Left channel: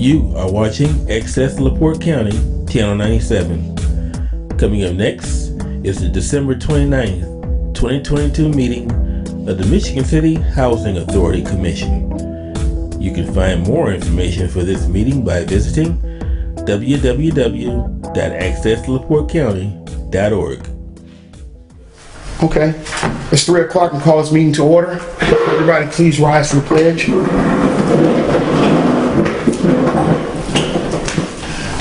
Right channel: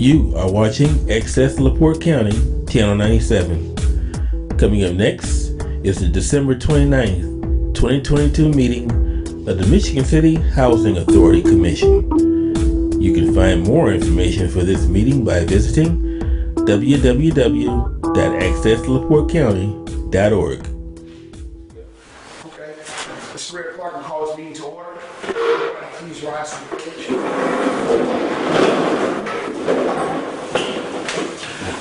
You are watching Access LaPorte County, Channel 97. Coming up next is the December 29th, 2022 meeting of the Michigan City Housing Authority Commission. You can find more information for this meeting by visiting www.accesslaportecounty.org. Okay, it's 3 o'clock and call this meeting to order. Everybody please rise for the pledge.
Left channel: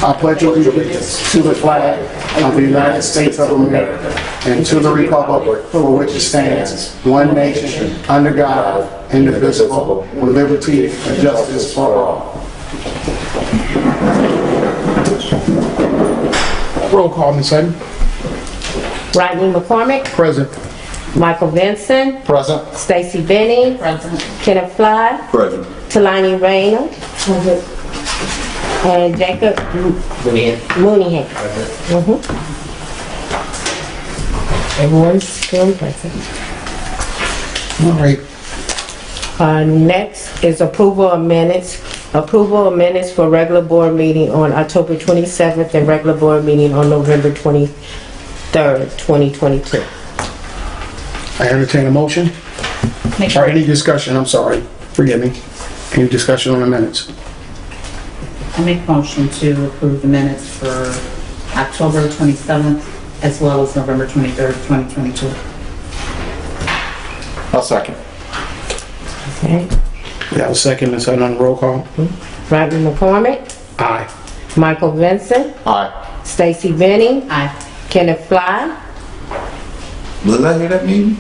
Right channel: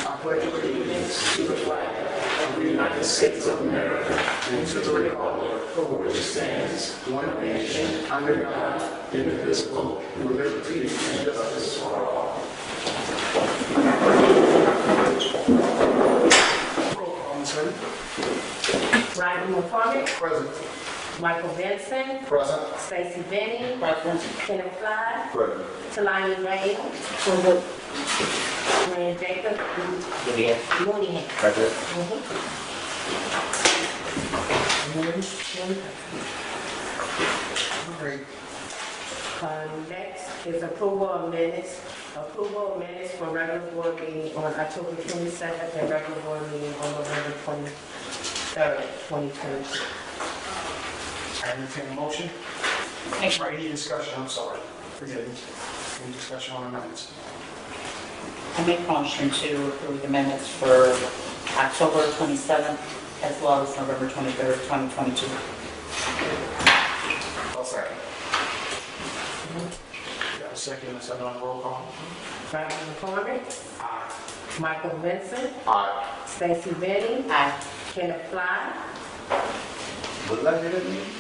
I pledge allegiance to the flag of the United States of America and to the republic for which it stands, one nation, under God, indivisible, with liberty and justice for all. Roll call, Ms. Sutton. Rodney McCormick, Present. Michael Vincent, Present. Stacy Benny, Kenneth Fly, Present. Talani Rayner, and Jacob Mooneyhan. Everyone's still present. All right. Next is approval of minutes. Approval of minutes for regular board meeting on October 27th and regular board meeting on November 23rd, 2022. I entertain a motion. Or any discussion, I'm sorry. Forgive me. Any discussion on the minutes? I make a motion to approve the minutes for October 27th as well as November 23rd, 2022. I'll second. Okay. Yeah, a second, Ms. Sutton on the roll call. Rodney McCormick, Aye. Michael Vincent, Aye. Stacy Benny, Aye. Kenneth Fly, Was I here that meeting?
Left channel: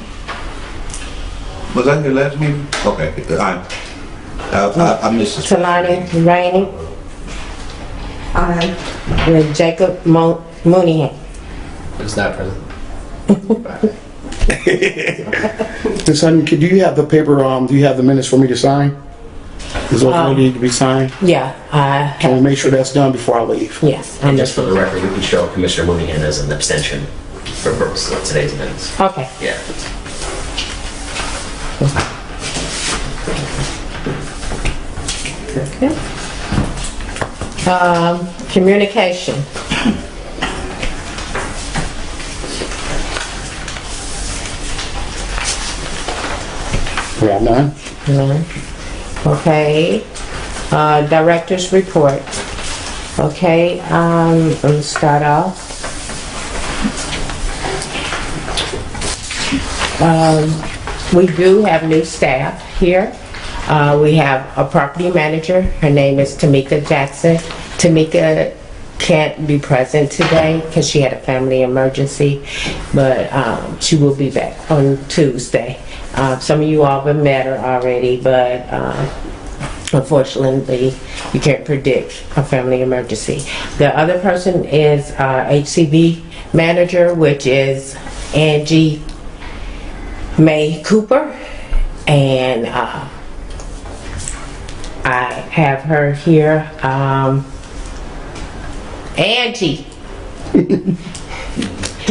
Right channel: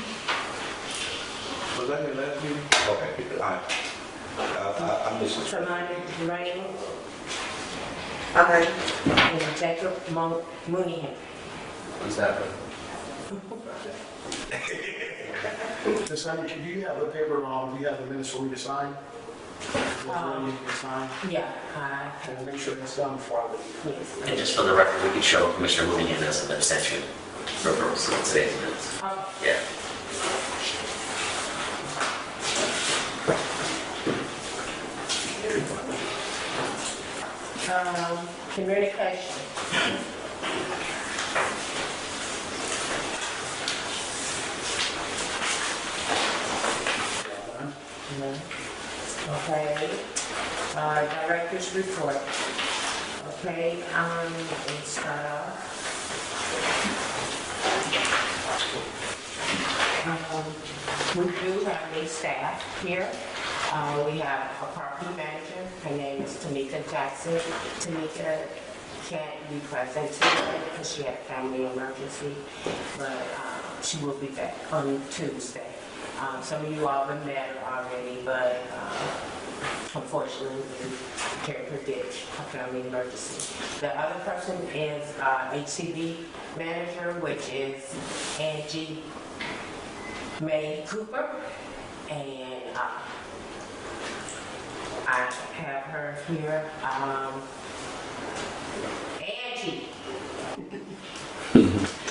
Was I here last meeting? Okay, aye. I missed this. Talani Rainey, and Jacob Mooneyhan. It's not present. Ms. Sutton, do you have the paper, do you have the minutes for me to sign? Is those what need to be signed? Yeah, Can we make sure that's done before I leave? yes. And just for the record, we can show Commissioner Mooneyhan as an abstention for purposes of today's minutes. Okay. Yeah. Okay. Communication. We have none? None. Okay. Director's report. Okay, let me start off. We do have new staff here. We have a property manager. Her name is Tamika Jackson. Tamika can't be present today because she had a family emergency, but she will be back on Tuesday. Some of you all have met her already, but unfortunately, you can't predict a family emergency. The other person is HCV manager, which is Angie May Cooper, and I have her here. Angie,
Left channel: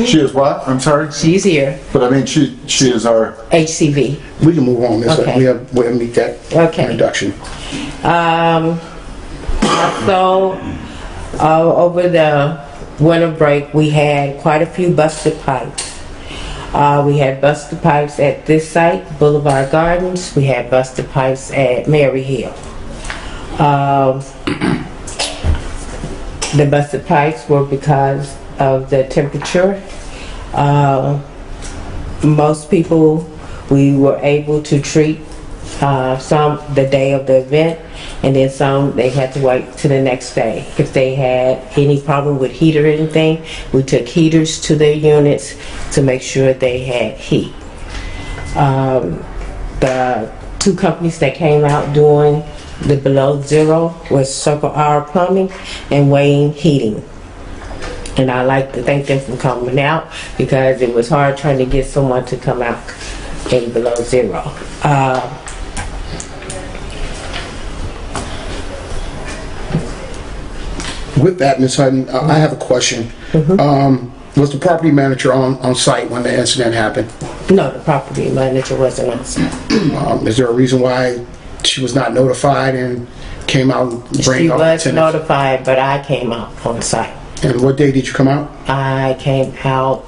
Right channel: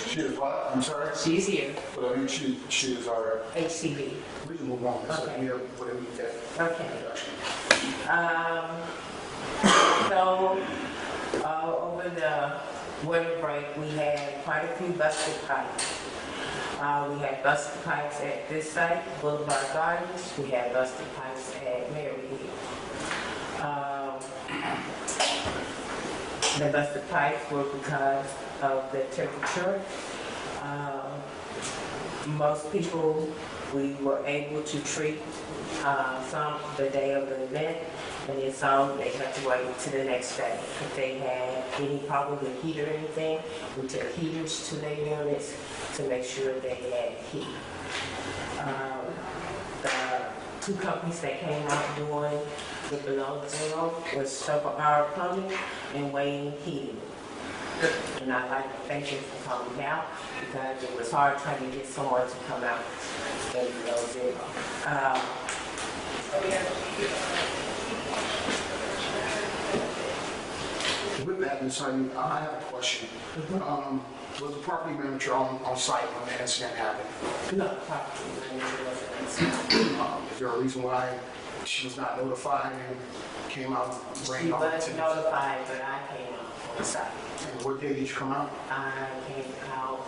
She is what? I'm sorry? she's here. But I mean, she is our, HCV. We can move on, Ms. Sutton. Okay. We'll meet that Okay. introduction. So, over the winter break, we had quite a few busted pipes. We had busted pipes at this site, Boulevard Gardens. We had busted pipes at Mary Hill. The busted pipes were because of the temperature. Most people, we were able to treat some the day of the event, and then some they had to wait to the next day. If they had any problem with heat or anything, we took heaters to their units to make sure they had heat. The two companies that came out doing the below zero was Circle R Plumbing and Wayne Heating. And I like to thank them for coming out because it was hard trying to get someone to come out in below zero. With that, Ms. Hutton, I have a question. Was the property manager on site when the incident happened? No, the property manager wasn't on site. Is there a reason why she was not notified and came out and She bring up was tenants. notified, but I came out on site. And what day did you come out? I came out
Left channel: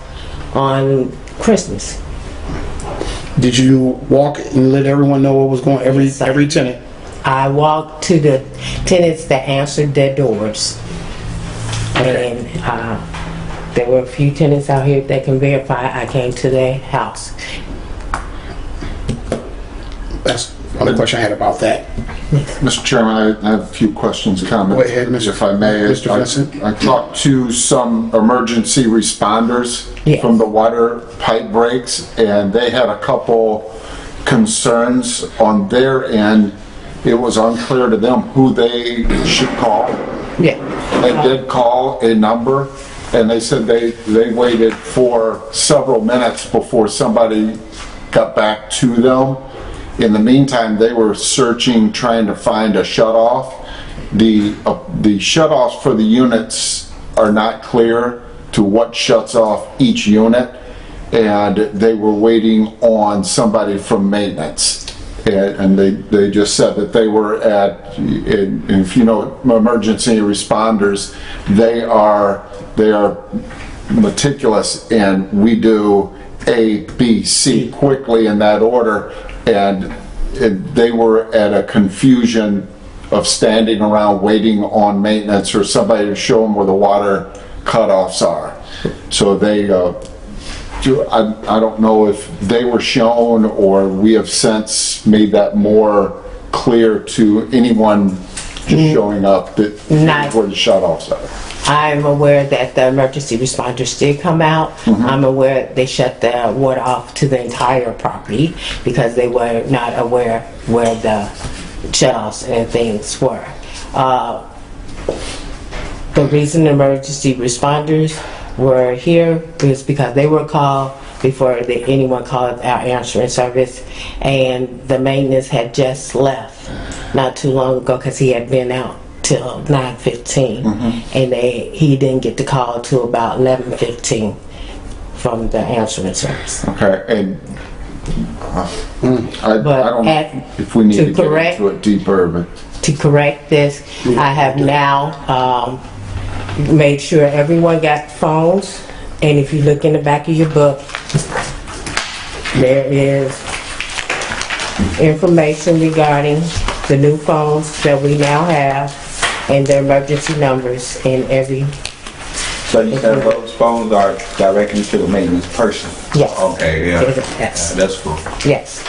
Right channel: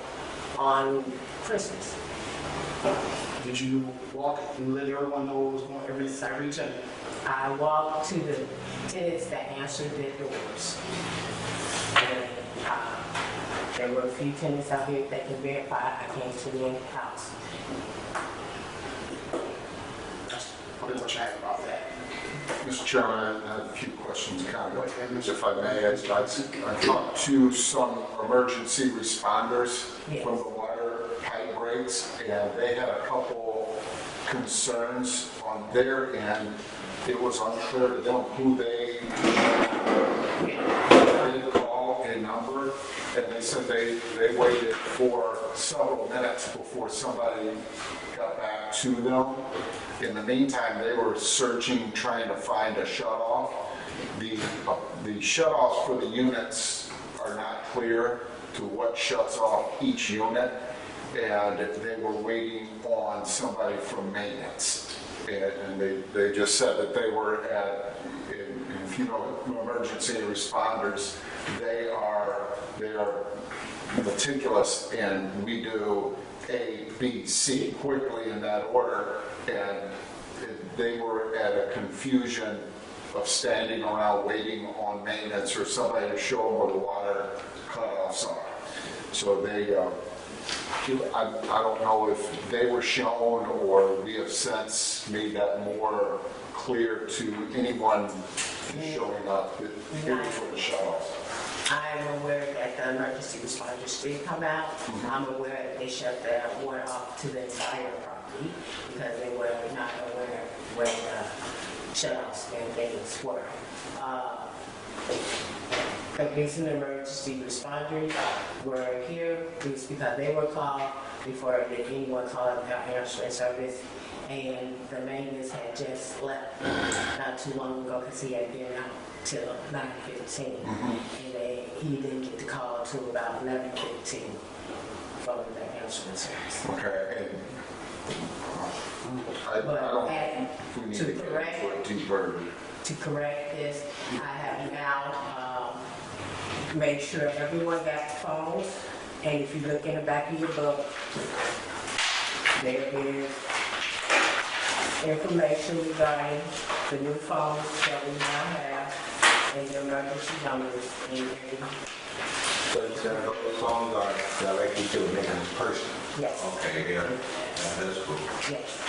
on Christmas. Did you walk and let everyone know what was going, Yes, I every tenant? I walked to the tenants that answered their doors. And there were a few tenants out here that can verify I came to their house. That's one question I had about that. Mr. Chairman, I have a few questions, comments. Go ahead, Mr. If I may. Mr. Vincent. I talked to some emergency responders Yes. from the water pipe breaks, and they had a couple concerns on their end. It was unclear to them who they should call. Yeah. They did call a number, and they said they waited for several minutes before somebody got back to them. In the meantime, they were searching, trying to find a shut-off. The shut-offs for the units are not clear to what shuts off each unit, and they were waiting on somebody from maintenance. And they just said that they were at, and if you know emergency responders, they are meticulous, and we do A, B, C quickly in that order, and they were at a confusion of standing around waiting on maintenance or somebody to show them where the water cutoffs are. So they, I don't know if they were shown or we have since made that more clear to anyone just showing up that Not- where the shut-offs are. I'm aware that the emergency responders did come out. I'm aware they shut the water off to the entire property because they were not aware where the shutoffs and things were. The reason the emergency responders were here is because they were called before anyone called our answering service, and the maintenance had just left not too long ago because he had been out till 9:15, and he didn't get the call till about 11:15 from the answering service. Okay, and I But don't know at- if we need to to get correct- into it deeper, but To correct this, I have now made sure everyone got phones, and if you look in the back of your book, there is information regarding the new phones that we now have and their emergency numbers in every, So you said those phones are directly to the maintenance person? Yes. Okay, yeah. Yes. That's cool. yes.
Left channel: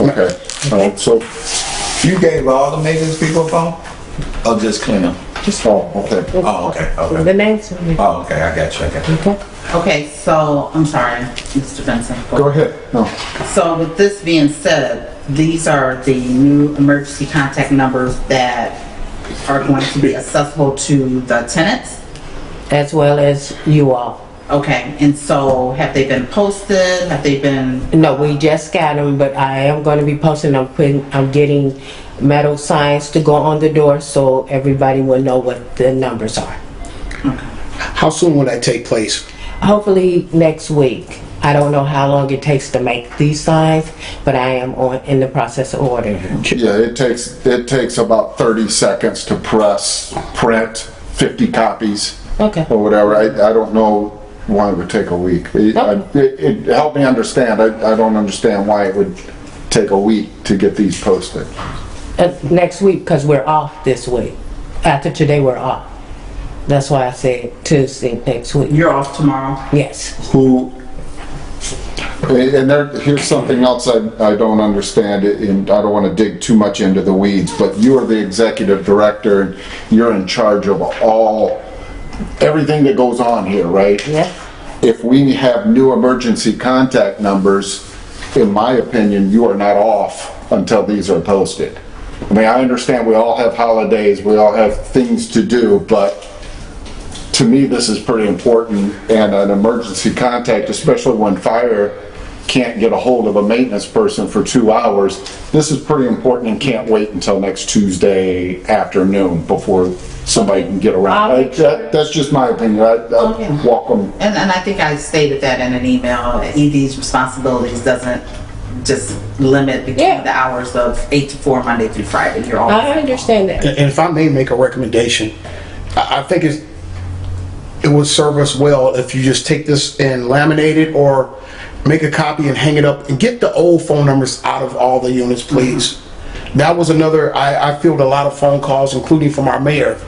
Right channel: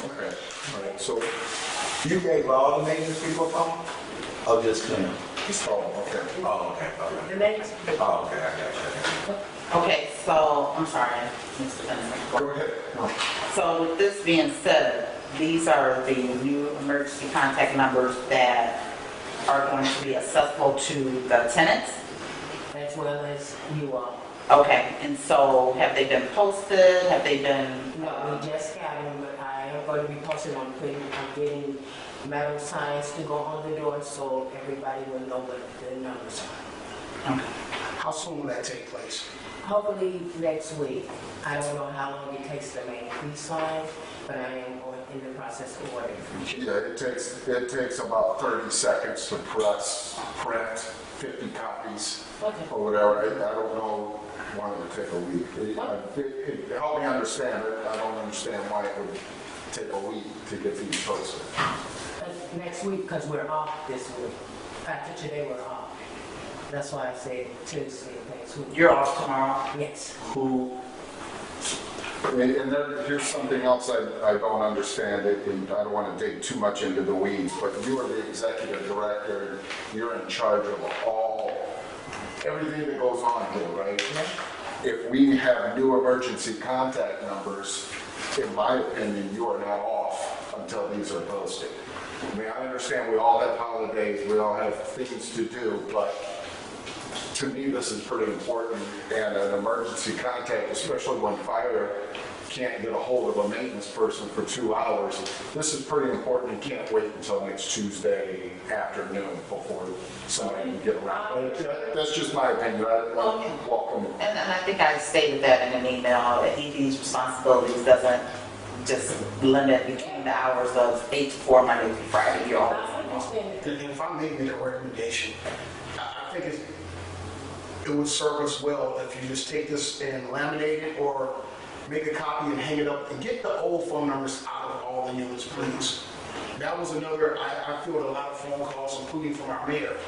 okay. So, You gave all the maintenance people a phone? Oh, just Clem? oh, okay. Oh, okay, okay. The names. Oh, okay, I got you. Okay. Okay, so, I'm sorry, Mr. Benson. Go ahead. No. So with this being said, these are the new emergency contact numbers that are going to be accessible to the tenants? As well as you all. Okay, and so have they been posted? Have they been, No, we just got them, but I am going to be posting. I'm getting metal signs to go on the door so everybody will know what the numbers are. How soon will that take place? Hopefully next week. I don't know how long it takes to make these signs, but I am in the process of ordering. Yeah, it takes about 30 seconds to print 50 copies Okay. or whatever. I don't know why it would take a week. It helped me understand. I don't understand why it would take a week to get these posted. Next week, because we're off this week. After today, we're off. That's why I said Tuesday next week. you're off tomorrow? Yes. And here's something else I don't understand, and I don't want to dig too much into the weeds, but you are the executive director, and you're in charge of everything that goes on here, right? Yes. If we have new emergency contact numbers, in my opinion, you are not off until these are posted. I mean, I understand we all have holidays, we all have things to do, but to me, this is pretty important, and an emergency contact, especially when fire can't get a hold of a maintenance person for 2 hours, this is pretty important and can't wait until next Tuesday afternoon before somebody can get around. That's just my opinion. I welcome. And I think I stated that in an email, that ED's responsibilities doesn't just limit between Yeah. the hours of 8 to 4, Monday through Friday. You're all. I understand that. And if I may make a recommendation, I think it would serve us well if you just take this and laminate it or make a copy and hang it up and get the old phone numbers out of all the units, please. That was another, I fielded a lot of phone calls, including from our mayor,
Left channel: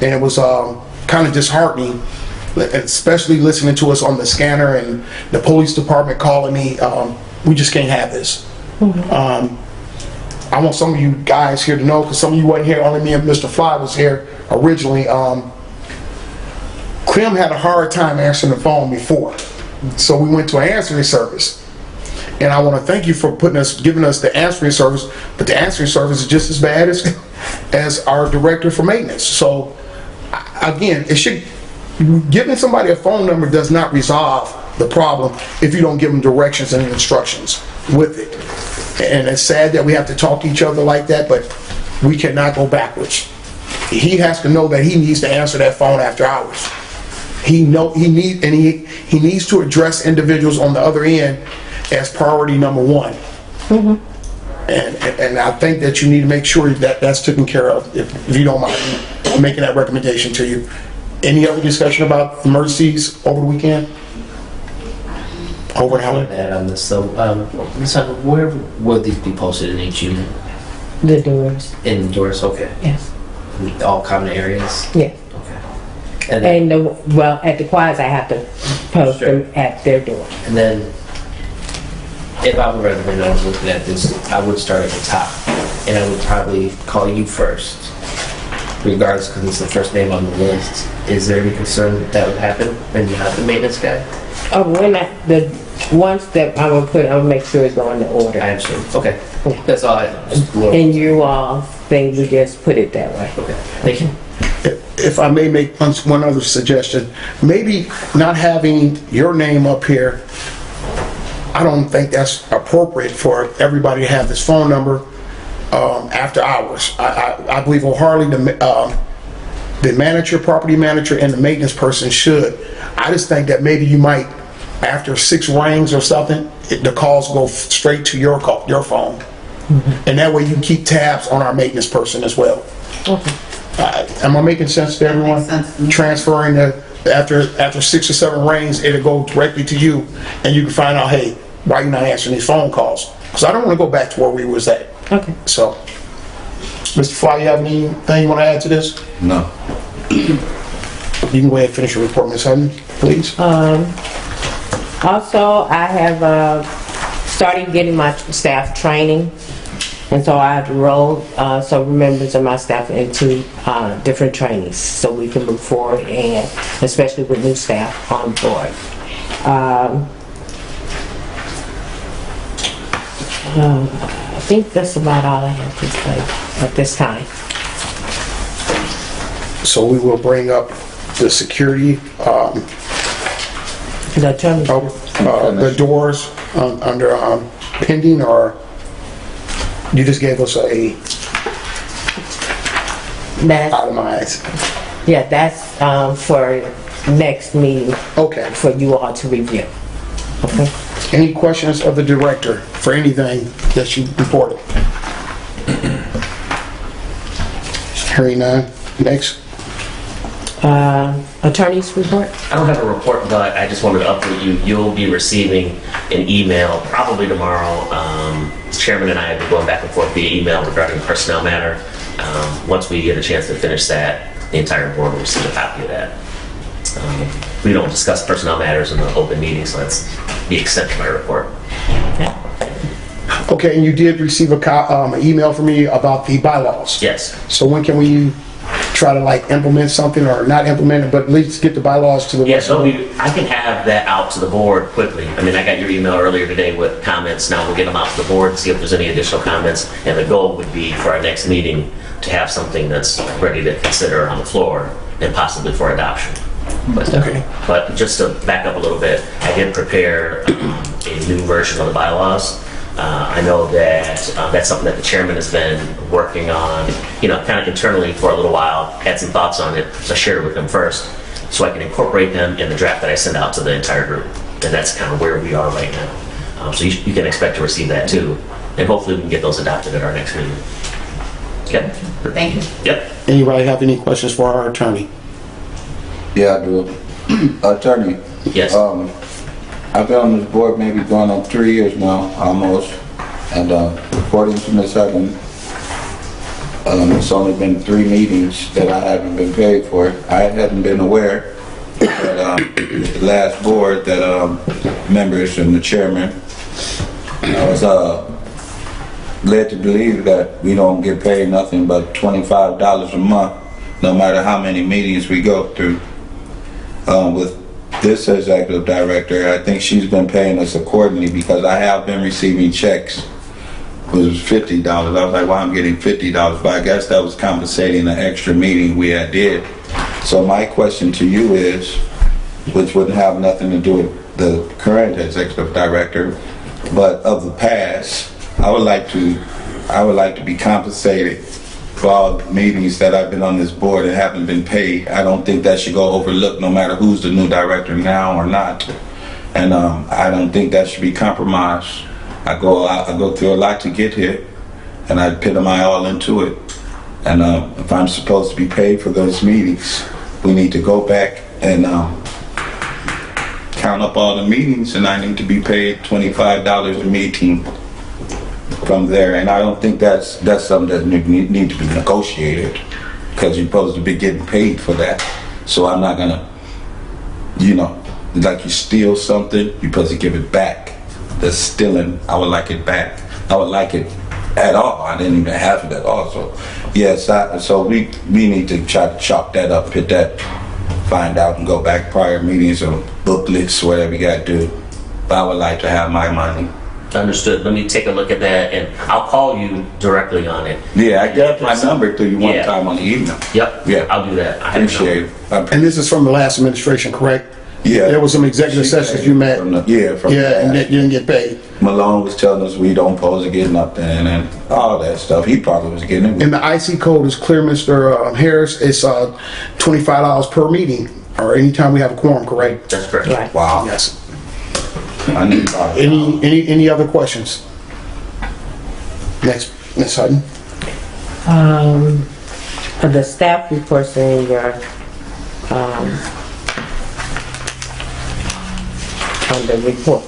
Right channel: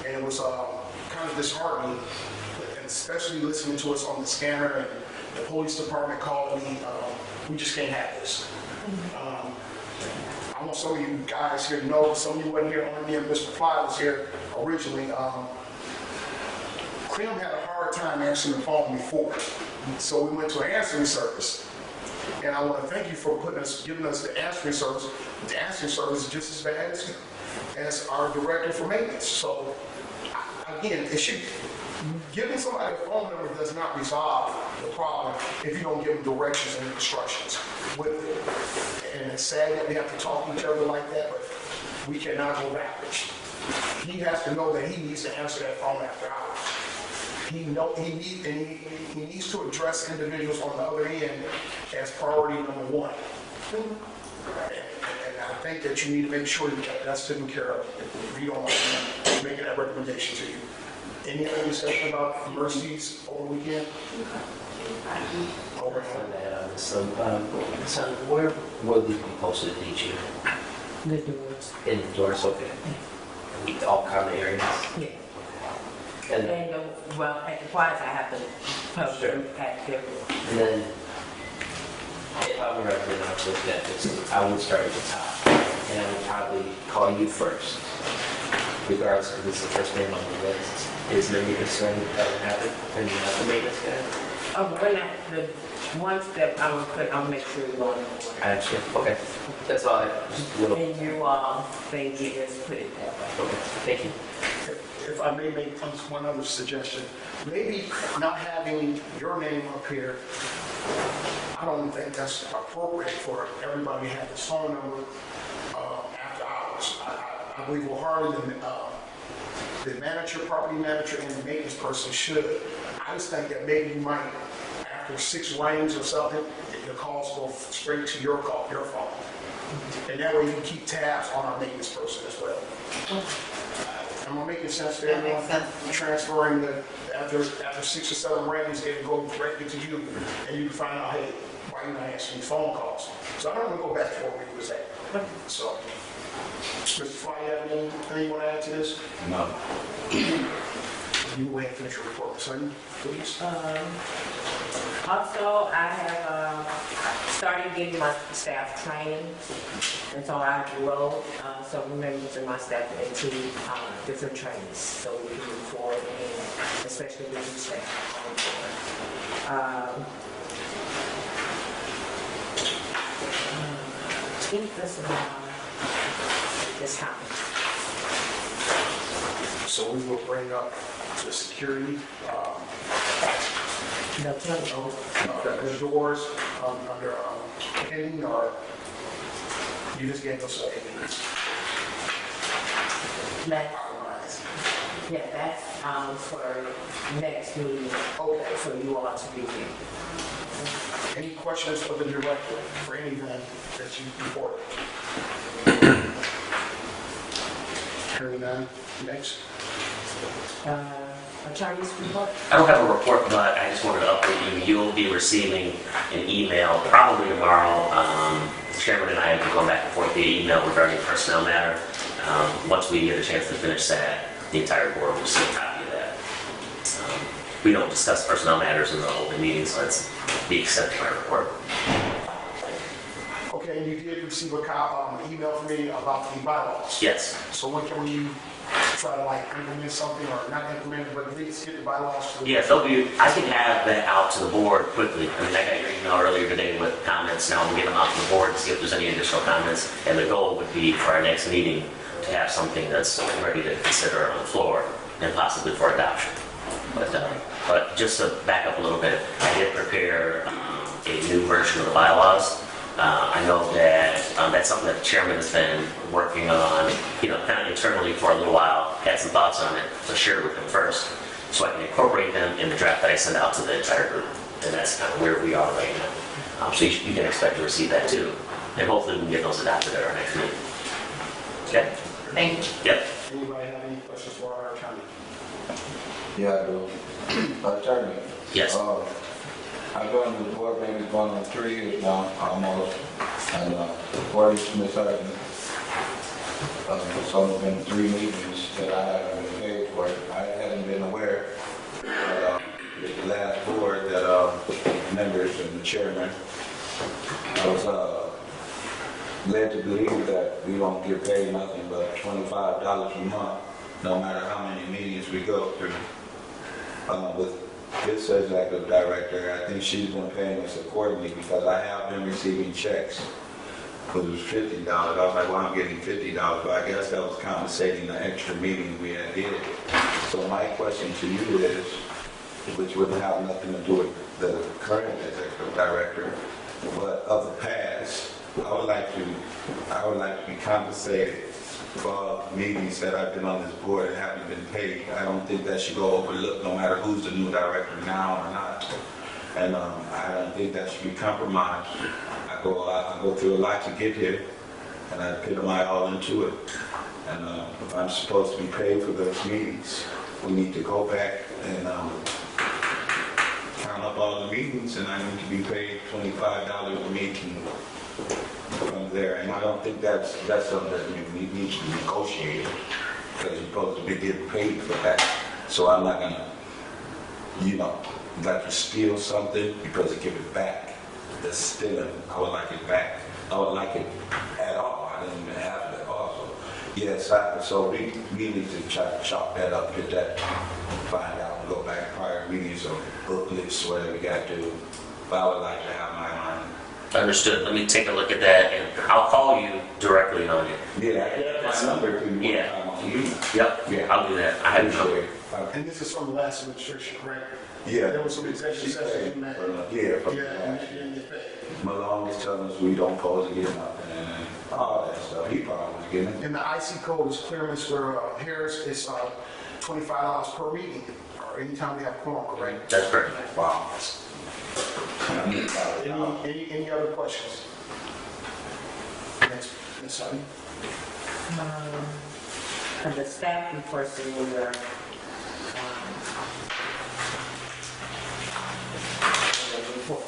and it was kind of disheartening, especially listening to us on the scanner and the police department calling me. We just can't have this. I want some of you guys here to know, because some of you weren't here, only me and Mr. Fly was here originally. Clem had a hard time answering the phone before, so we went to an answering service. And I want to thank you for giving us the answering service, but the answering service is just as bad as our director for maintenance. So again, giving somebody a phone number does not resolve the problem if you don't give them directions and instructions with it. And it's sad that we have to talk to each other like that, but we cannot go backwards. He has to know that he needs to answer that phone after hours. He needs to address individuals on the other end as priority number one. And I think that you need to make sure that that's taken care of, if you don't mind making that recommendation to you. Any other discussion about emergencies over the weekend? Over and out. That on this, so, where will these be posted in each unit? The doors, Indoors, okay. yes, All common areas? yes. Okay. And then, At the quads, I have to post them at their door. and then, if I were to, I was looking at this, I would start at the top, and I would probably call you first, regardless, because it's the first name on the list. Is there any concern that would happen when you have the maintenance guy? The ones that I will put, I'll make sure it's going in order. I understand. Okay. That's all I, just a little. And you all think we just put it that way. Okay. Thank you. If I may make one other suggestion, maybe not having your name up here, I don't think that's appropriate for everybody to have this phone number after hours. I believe wholeheartedly the manager, property manager, and the maintenance person should. I just think that maybe you might, after 6 rings or something, the calls go straight to your phone. And that way you can keep tabs on our maintenance person as well. Okay. Am I making sense to everyone? Makes sense to me. Transferring after 6 or 7 rings, it'll go directly to you, and you can find out, hey, why you not answering these phone calls? Because I don't want to go back to where we was at. Okay. So, Mr. Fly, you have anything you want to add to this? No. You can go ahead and finish your report, Ms. Hutton, please. Also, I have started getting my staff training, and so I have enrolled several members of my staff into different trainings so we can move forward, and especially with new staff on board. I think that's about all I have to say at this time. So we will bring up the security, The attorney, the doors under pending, or you just gave us a that's, itemized? yeah, that's for next meeting Okay. for you all to review. Okay. Any questions of the director for anything that you reported? Hearing none. Next. Attorney's report? I don't have a report, but I just wanted to update you. You'll be receiving an email probably tomorrow. The chairman and I have been going back and forth via email regarding personnel matter. Once we get a chance to finish that, the entire board will receive a copy of that. We don't discuss personnel matters in the open meeting, so that's the extent of my report. Okay, and you did receive an email from me about the bylaws. Yes. So when can we try to like implement something, or not implement it, but at least get the bylaws to the Yeah, rest of so them? I can have that out to the board quickly. I mean, I got your email earlier today with comments. Now we'll get them out to the board and see if there's any additional comments. And the goal would be for our next meeting to have something that's ready to consider on the floor and possibly for adoption. But just to back up a little bit, I did prepare a new version of the bylaws. I know that that's something that the chairman has been working on, kind of internally for a little while, had some thoughts on it, so I shared it with him first, so I can incorporate them in the draft that I send out to the entire group. And that's kind of where we are right now. So you can expect to receive that too. And hopefully we can get those adopted at our next meeting. Okay? Thank you. Yep. Anybody have any questions for our attorney? Yeah, I do. Attorney, Yes. I've been on this board maybe going on 3 years now, almost. And according to Ms. Hutton, it's only been 3 meetings that I haven't been paid for. I hadn't been aware that with the last board that members and the chairman, I was led to believe that we don't get paid nothing but $25 a month, no matter how many meetings we go through. With this executive director, I think she's been paying us accordingly because I have been receiving checks. It was $50. I was like, well, I'm getting $50, but I guess that was compensating the extra meeting we had did. So my question to you is, which wouldn't have nothing to do with the current executive director, but of the past, I would like to be compensated for all the meetings that I've been on this board and haven't been paid. I don't think that should go overlooked no matter who's the new director now or not. And I don't think that should be compromised. I go through a lot to get here, and I put my all into it. And if I'm supposed to be paid for those meetings, we need to go back and count up all the meetings, and I need to be paid $25 a meeting from there. And I don't think that's something that needs to be negotiated, because you're supposed to be getting paid for that. So I'm not gonna, like you steal something, you're supposed to give it back. The stealing, I would like it back. I would like it at all. I didn't even have it at all. So yes, so we need to try to chop that up, hit that, find out and go back prior meetings or booklets, whatever you gotta do. But I would like to have my money. Understood. Let me take a look at that, and I'll call you directly on it. Yeah, I got my number to you one Yeah. time on the email. Yep. Yeah. I'll do that. I have your Appreciate number. it. And this is from the last administration, correct? Yeah. There was some executive sessions you met. From Yeah, the and past. that you didn't get paid. Malone was telling us we don't supposed to get nothing and all that stuff. He probably was getting it. And the IC code is clear, Mr. Harris. It's $25 per meeting, or anytime we have a quorum, correct? That's correct. Right. Wow. Yes. I need Any other questions? Next, Ms. Hutton. The staff reports in your, on the reports.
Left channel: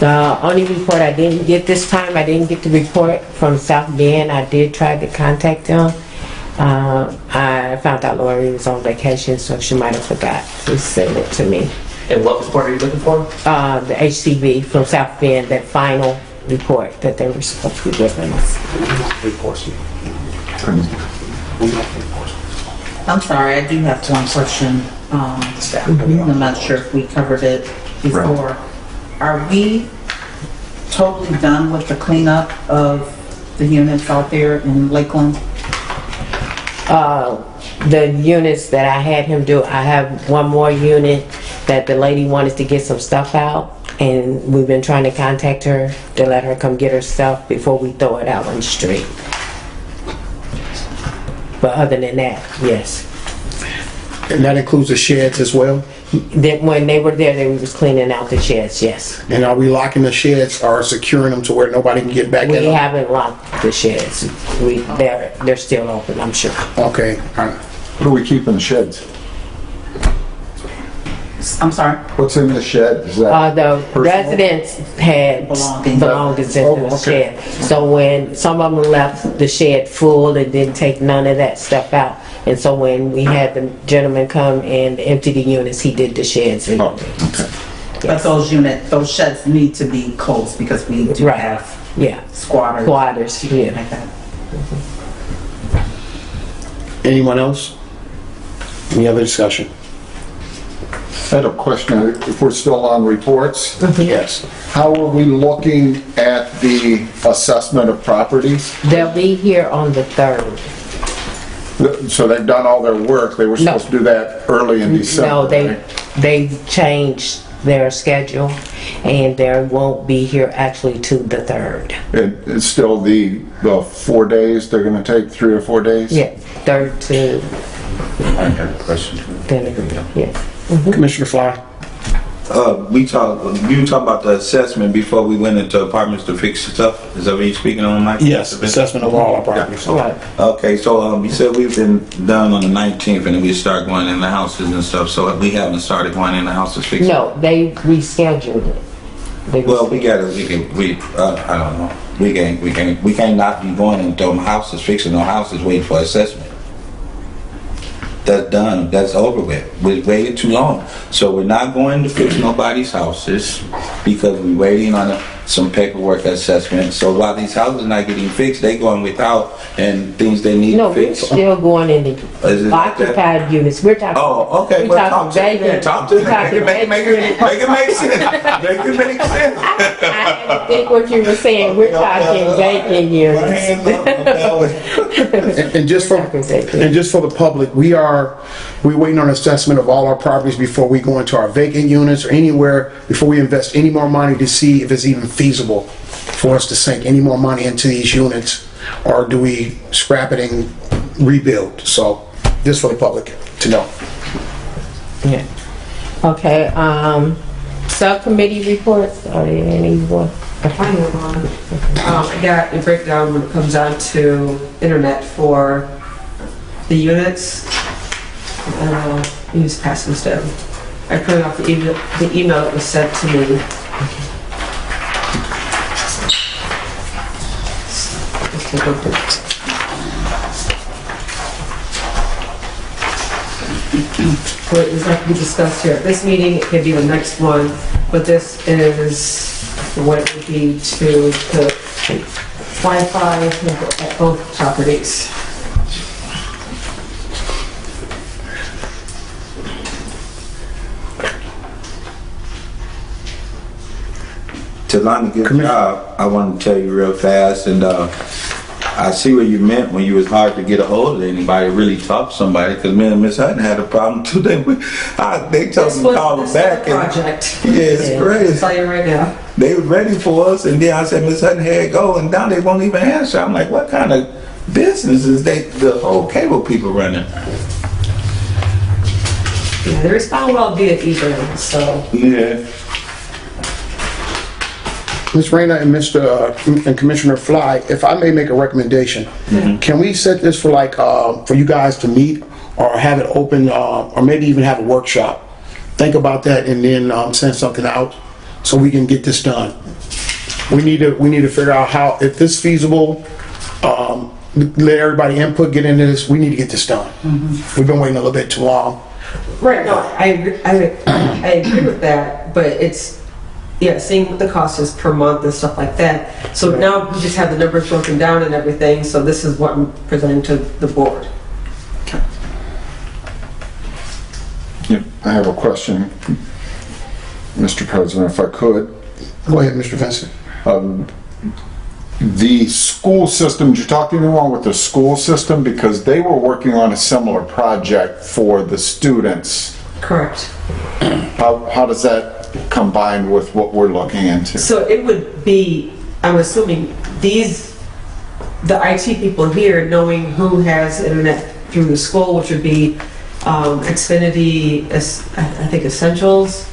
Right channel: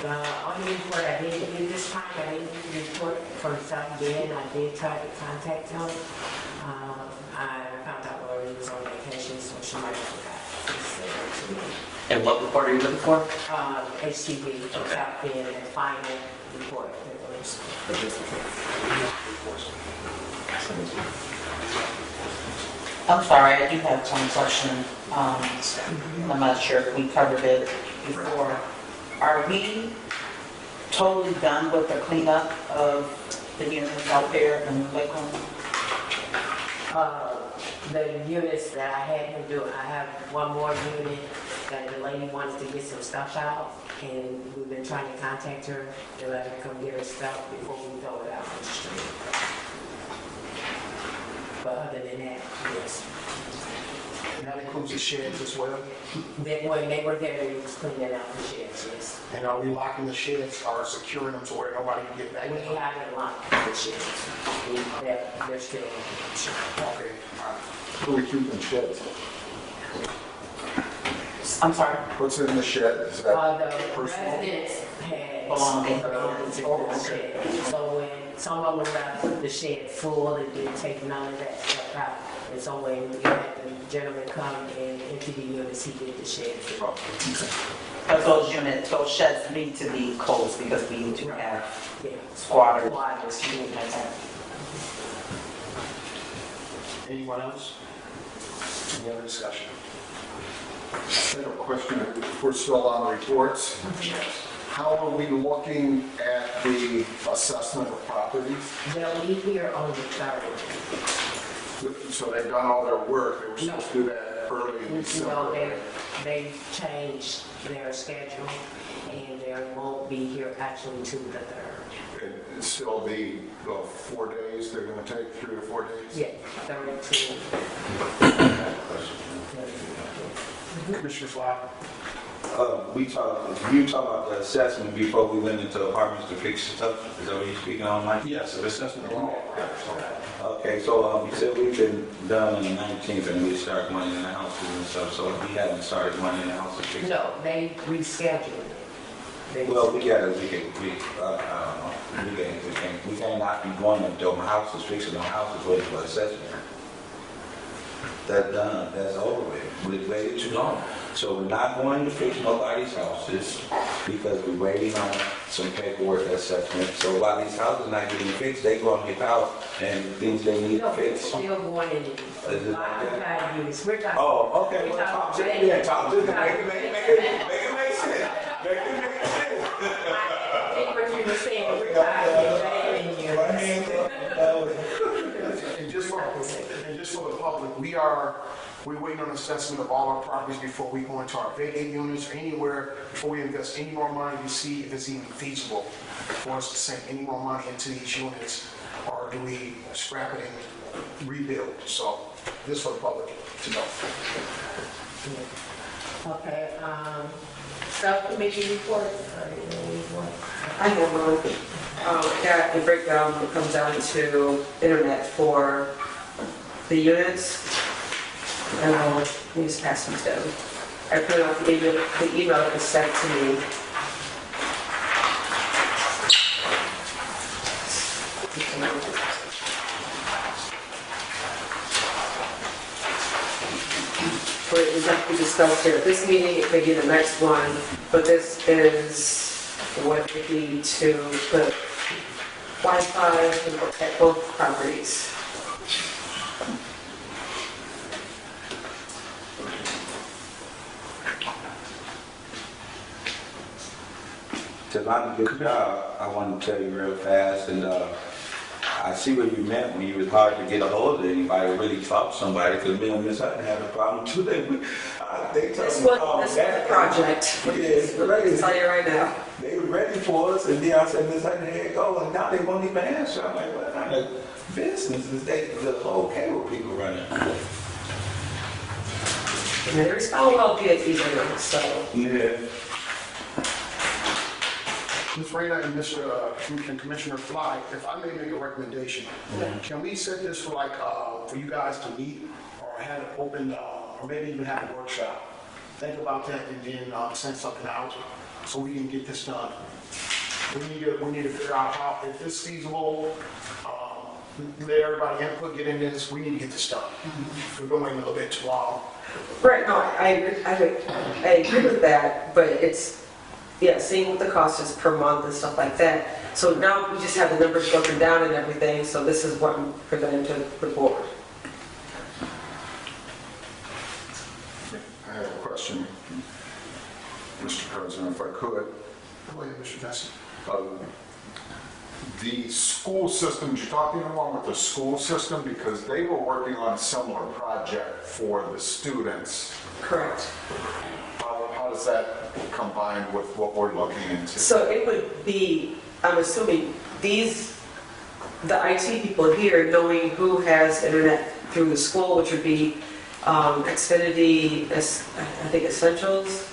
The only report I didn't get this time, I didn't get the report from South Bend. I did try to contact them. I found out Lori was on vacation, so she might have forgot to send it to me. And what report are you looking for? The HCB from South Bend, that final report that they were supposed to be giving us. I'm sorry, I do have one question. I'm not sure if we covered it before. Are we totally done with the cleanup of the units out there in Lakeland? The units that I had him do, I have one more unit that the lady wanted to get some stuff out, and we've been trying to contact her to let her come get her stuff before we throw it out on the street. But other than that, yes. And that includes the sheds as well? When they were there, they was cleaning out the sheds, yes. And are we locking the sheds or securing them to where nobody can get back We in them? haven't locked the sheds. They're still open, I'm sure. Okay, all right. What do we keep in the sheds? I'm sorry? What's in the shed? Is that The personal? residents had belongings in the shed. So when some of them left the shed full and didn't take none of that stuff out. And so when we had the gentleman come and empty the units, he did the sheds. And But those sheds need to be closed because we do Right. have yeah, squatters. squatters, yeah. Like that. Anyone else? Any other discussion? I had a question, if we're still on reports. Yes. How are we looking at the assessment of properties? They'll be here on the 3rd. So they've done all their work, they were No. supposed to do that early in December, No, right? they changed their schedule, and they won't be here actually to the 3rd. It's still the 4 days, they're gonna take 3 or 4 days? Yeah, 3rd to, I have a question. then, yeah. Commissioner Fly? you were talking about the assessment before we went into apartments to fix stuff? Is that what you're speaking on, Mike? Yes, assessment of all our properties. Right. Okay, so you said we've been done on the 19th and then we start going in the houses and stuff, so we haven't started going in the houses fixing? No, they rescheduled it. They Well, I don't know. We can't not be going into them houses, fixing no houses, waiting for assessment. That's done, that's over with. We waited too long. So we're not going to fix nobody's houses because we're waiting on some paperwork assessment. So while these houses are not getting fixed, they going without and things they need No, to we're fix. still going in Is the it like that? occupied units. We're talking. Oh, okay, We're well, talking talk to me then, vacant. talk to me. We're talking Make it make sense. Make it make sense. I think what you were saying, we're talking vacant units. Hands up, I'm telling. And just for the public, we're waiting on assessment of all our properties before we go into our vacant units or anywhere, before we invest any more money to see if it's even feasible for us to sink any more money into these units, or do we scrap it and rebuild? So, just for the public to know. Yeah. Okay, subcommittee reports, are there anyone? I have one. I got a breakdown when it comes down to internet for the units. You just pass this down. I printed off the email that was sent to me. What is that to be discussed here at this meeting? It could be the next one, but this is what it would be to the Wi-Fi at both properties. To Lonnie, good job. I want to tell you real fast, and I see what you meant when you was hard to get a hold of anybody, really talk to somebody, because me and Miss Hutton had a problem too. They told me to call them back. Project. Yeah, it's I'll crazy. tell you right now. They were ready for us, and then I said, Miss Hutton, here it go, and now they won't even answer. I'm like, what kind of business is the whole cable people running? Yeah, they respond well via email, so. Yeah. Ms. Rayner and and Commissioner Fly, if I may make a recommendation, can we set this for for you guys to meet or have it open, or maybe even have a workshop? Think about that and then send something out so we can get this done. We need to figure out how, if this is feasible, let everybody input, get into this. We need to get this done. We've been waiting a little bit too long. Right, no, I agree with that, but it's, yeah, seeing what the cost is per month and stuff like that. So now we just have the numbers broken down and everything, so this is what I'm presenting to the board. Yeah, I have a question, Mr. President, if I could. Go ahead, Mr. Vincent. The school system, did you talk to anyone with the school system? Because they were working on a similar project for the students. Correct. How does that combine with what we're looking into? So it would be, I'm assuming, the IT people here knowing who has internet through the school, which would be Xfinity, I think Essentials,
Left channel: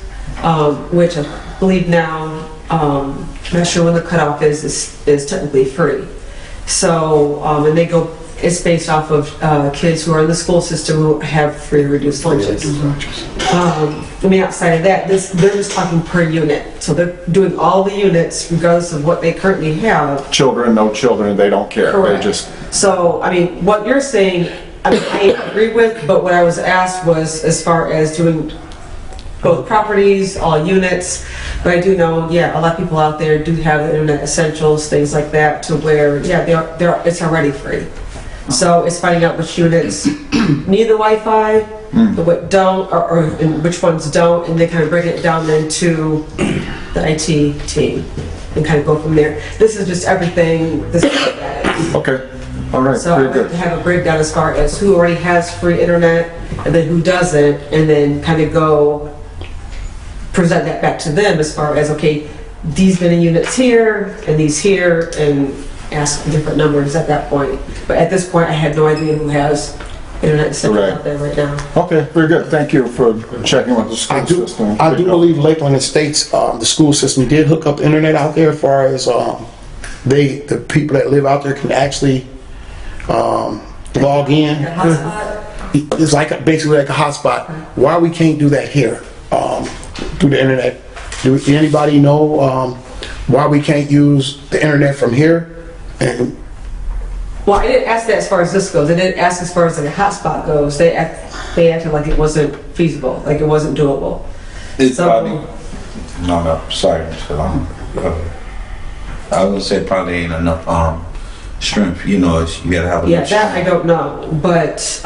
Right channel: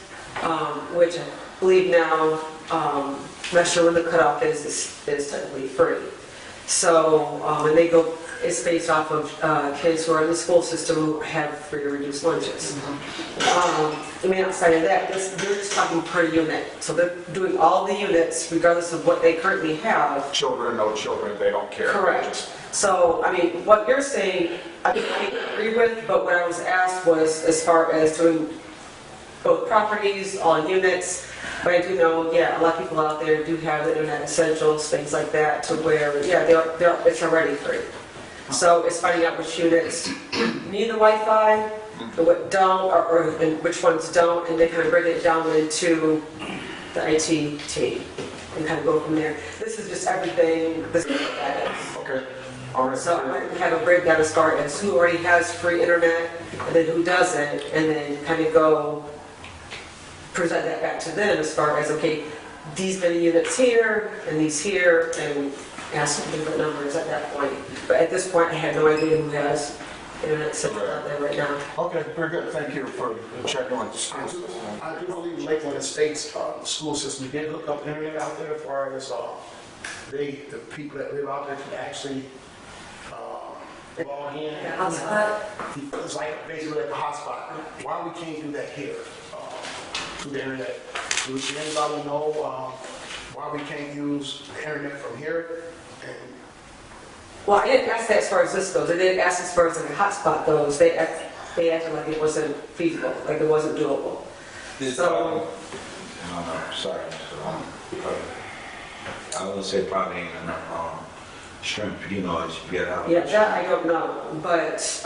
which I believe now, I'm not sure when the cutoff is technically free. So, and it's based off of kids who are in the school system who have free or reduced lunches. Outside of that, they're just talking per unit. So they're doing all the units regardless of what they currently have. Children, no children, they don't care. Correct. They just, So, what you're saying, I agree with, but what I was asked was as far as doing both properties, all units. But I do know, a lot of people out there do have the internet essentials, things like that, to where, it's already free. So it's finding out which units need the Wi-Fi, what don't, or and which ones don't, and then kind of break it down into the IT team and kind of go from there. This is just everything. This is that. okay, all right, So I very like to good. have a breakdown as far as who already has free internet and then who doesn't, and then kind of go present that back to them as far as, okay, these many units here and these here, and ask different numbers at that point. But at this point, I had no idea who has internet center Right. out there right now. Okay, very good. Thank you for checking with the school system. I do believe Lakeland Estates, the school system did hook up internet out there as far as, the people that live out there can actually, log in. The hotspot? It's like, basically like a hotspot. Why we can't do that here, through the internet? Do anybody know, why we can't use the internet from here? And Well, I didn't ask that as far as this goes. I didn't ask as far as like a hotspot goes. They acted like it wasn't feasible, like it wasn't doable. It's So- probably, no, sorry, Mr. Long. I would say probably ain't enough, strength, you know, you gotta have a. Yeah, that I don't know, but,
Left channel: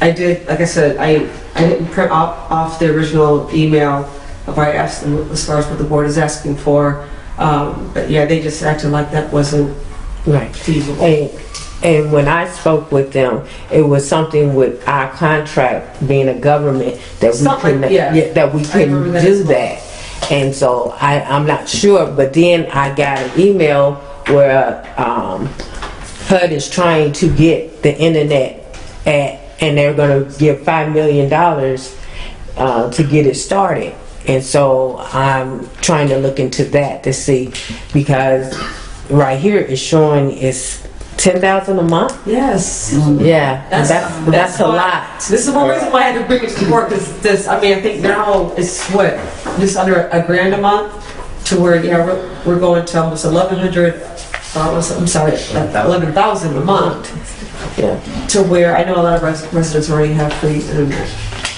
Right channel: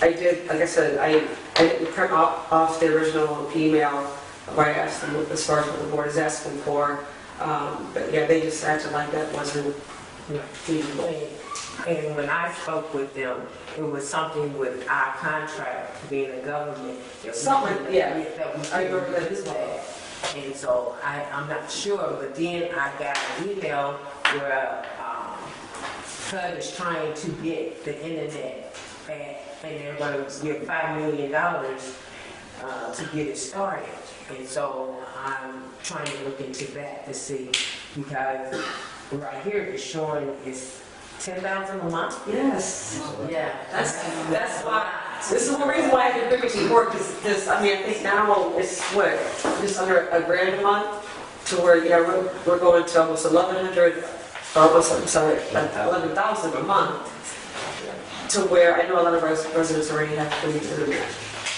I did, like I said, I didn't print off the original email where I asked them as far as what the board is asking for. But yeah, they just acted like that wasn't Right. feasible. And when I spoke with them, it was something with our contract being a government that we Something, couldn't, yeah. that we I remember couldn't that do as well. that. And so I'm not sure, but then I got an email where HUD is trying to get the internet and they're gonna give $5 million to get it started. And so I'm trying to look into that to see, because right here it's showing it's 10,000 a month. Yes. Yeah, that's a why- lot. This is one reason why I had to bring it to the board, because this, I mean, I think now it's what, just under $1,000 a month, to where, yeah, we're going to almost 1,100, I'm sorry, 11,000 a month, Yeah. to where I know a lot of residents already have free internet.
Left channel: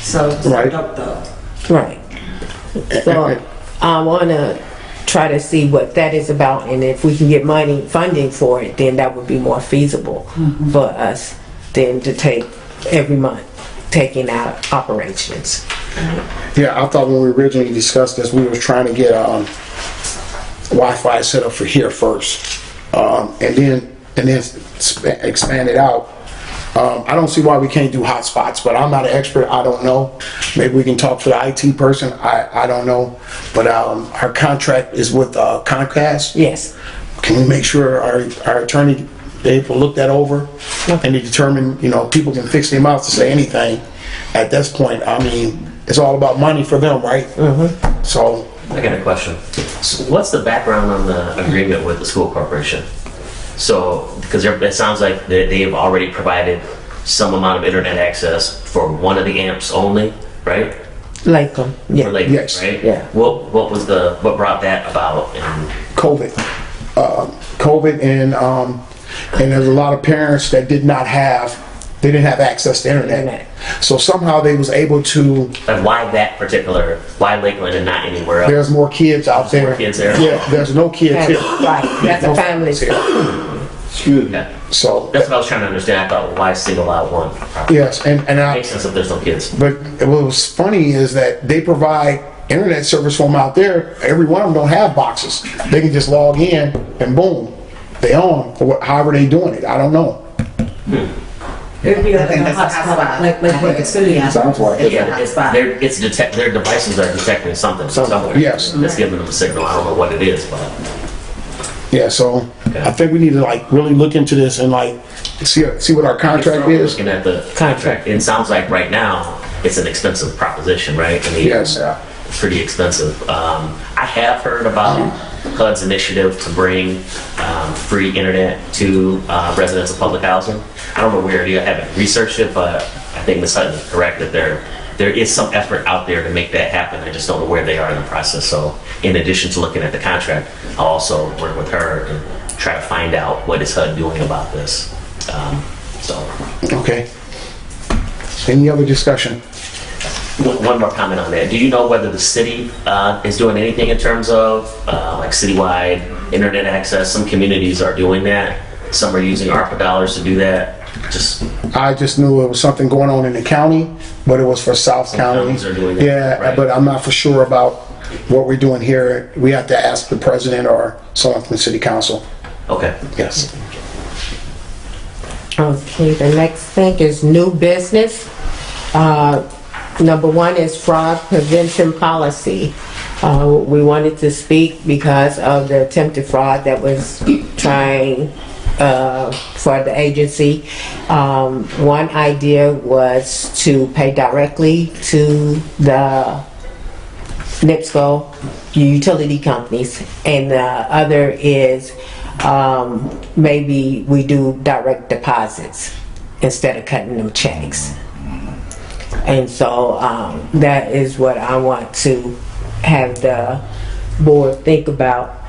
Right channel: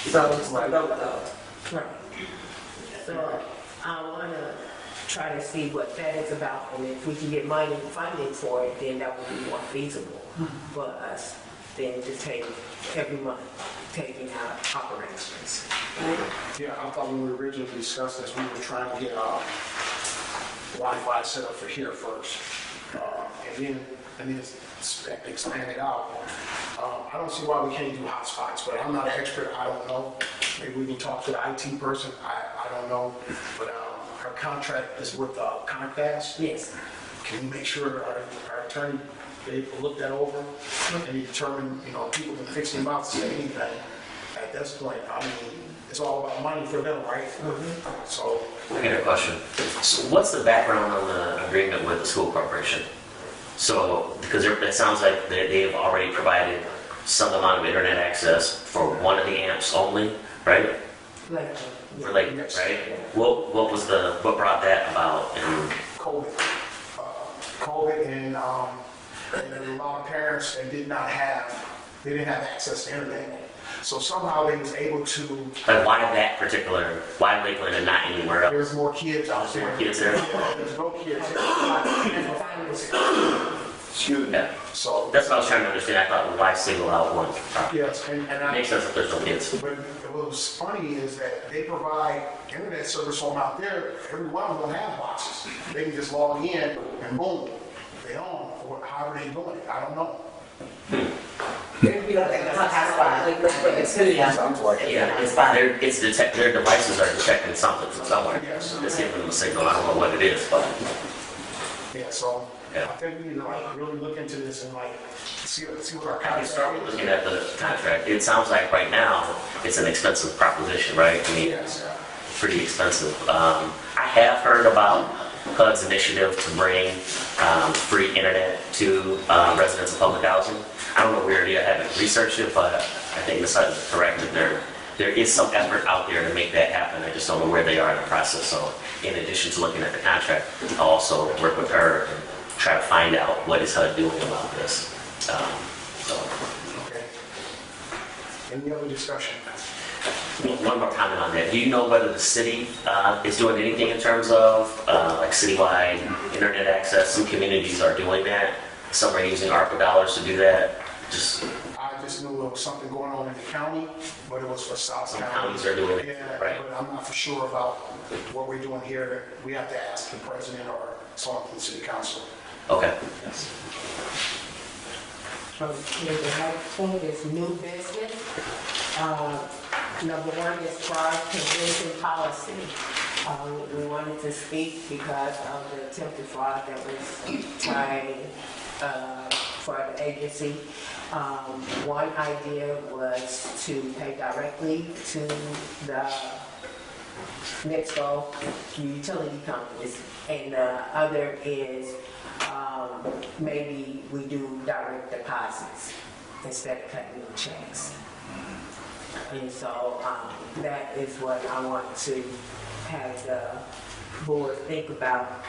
So, it's Right. up though. Right. So I want to try to see what that is about, and if we can get funding for it, then that would be more feasible for us than to take every month, taking out operations. yeah, I thought when we originally discussed this, we were trying to get, Wi-Fi set up for here first. And then expand it out. I don't see why we can't do hotspots, but I'm not an expert. I don't know. Maybe we can talk to the IT person. I don't know. But our contract is with Comcast. Yes. Can we make sure our attorney, they will look that over and to determine, people can fix their mouth to say anything. At this point, I mean, it's all about money for them, right? So, I got a question. So what's the background on the agreement with the school corporation? So, because it sounds like they've already provided some amount of internet access for one of the amps only, right? Lakeland. Yeah. For Lake, Yes. right? Yeah. What brought that about? And COVID. COVID and there's a lot of parents that didn't have access to internet. Internet. So somehow they was able to, why Lakeland and not anywhere else? there's more kids out there. more kids there? Yeah, there's no kids here. Right. That's a family. Excuse me. Yeah. So, That's what I was trying to understand. I thought, well, why single out one? yes, and I, Makes sense if there's no kids. but what was funny is that they provide internet service from out there. Every one of them don't have boxes. They can just log in and boom, they on, or however they doing it. I don't know. It'd be like I think a that's a hotspot, hotspot. like I what think it's gonna be. Sounds like it. Yeah, their devices are detecting something somewhere. Yes. That's giving them a signal. I don't know what it is, but Yeah, so I think we need to really look into this and see what our contract is. looking at the contract, it sounds like right now it's an expensive proposition, right? I mean, Yes. it's pretty expensive. I have heard about HUD's initiative to bring free internet to residents of public housing. I don't know where you haven't researched it, but I think Ms. Hutton is correct that there is some effort out there to make that happen. I just don't know where they are in the process. So in addition to looking at the contract, I'll also work with her and try to find out what is HUD doing about this. Okay. Any other discussion? One more comment on that. Do you know whether the city is doing anything in terms of like citywide internet access? Some communities are doing that. Some are using ARPA dollars to do that. I just knew it was something going on in the county, but it was for South County. counties are doing that, Yeah, right. but I'm not for sure about what we're doing here. We have to ask the president or someone from the city council. Okay. Yes. Okay, the next thing is new business. Number one is fraud prevention policy. We wanted to speak because of the attempted fraud that was trying for the agency. One idea was to pay directly to the NIPSCO utility companies, and the other is maybe we do direct deposits instead of cutting them checks. And so that is what I want to have the board think about.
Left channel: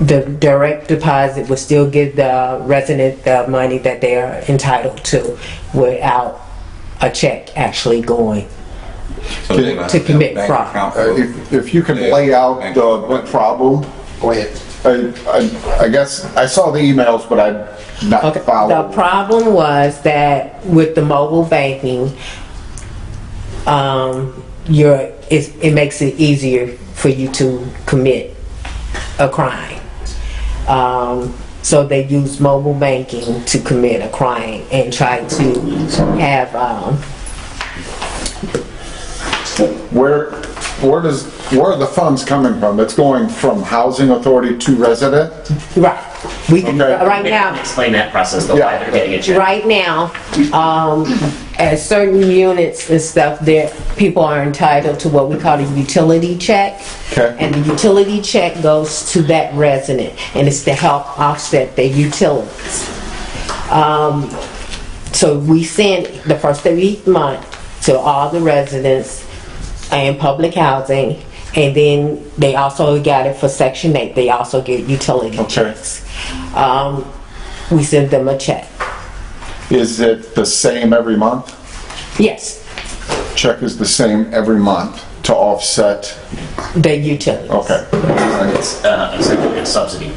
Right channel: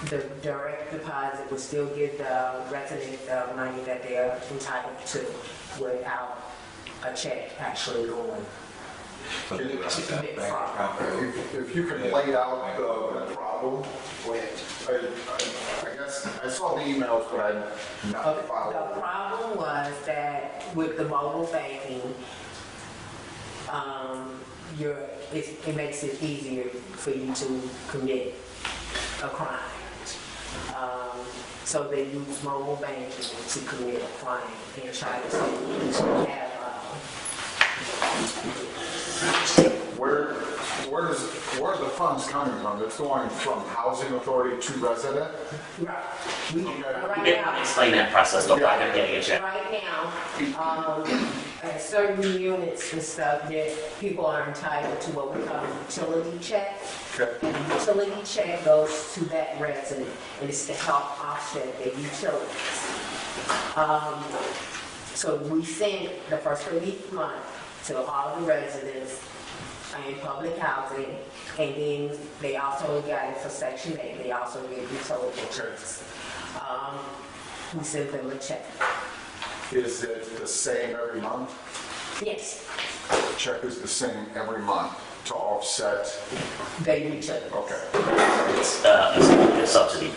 The direct deposit will still give the resident the money that they are entitled to without a check actually going So they're gonna to have commit bank fraud. account for- If you can lay out the problem, Go ahead. I guess, I saw the emails, but I'm not Okay, the following. problem was that with the mobile banking, it makes it easier for you to commit a crime. So they use mobile banking to commit a crime and try to have, Where are the funds coming from? It's going from housing authority to resident? right, we can, Okay. right now, Explain that process, though, why they're getting a check. right now, at certain units and stuff, there, people are entitled to what we call a utility check. Okay. And the utility check goes to that resident, and it's to help offset their utilities. So we send the first of each month to all the residents and public housing, and then they also got it for Section 8, they also get utility Okay. checks. We send them a check. Is it the same every month? Yes, Check is the same every month to offset? the utilities. Okay. It's a subsidy.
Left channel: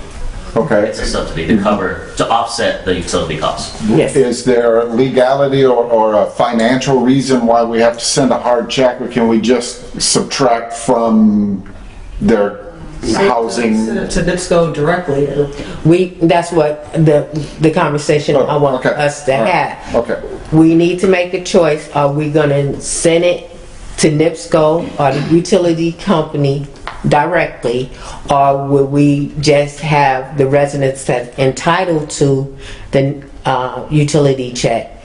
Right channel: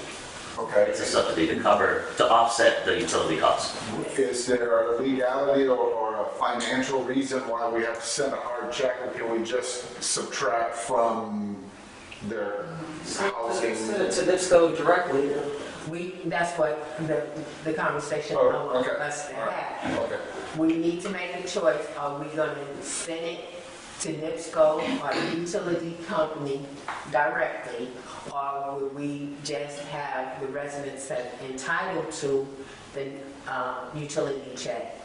Okay. It's a subsidy to cover, to offset the utility costs. Yes. Is there legality or a financial reason why we have to send a hard check, or can we just subtract from their housing? Send it to NIPSCO directly. That's what the conversation I want Okay. us to All right. have. Okay. We need to make a choice. Are we gonna send it to NIPSCO or the utility company directly? Or will we just have the residents that's entitled to the utility check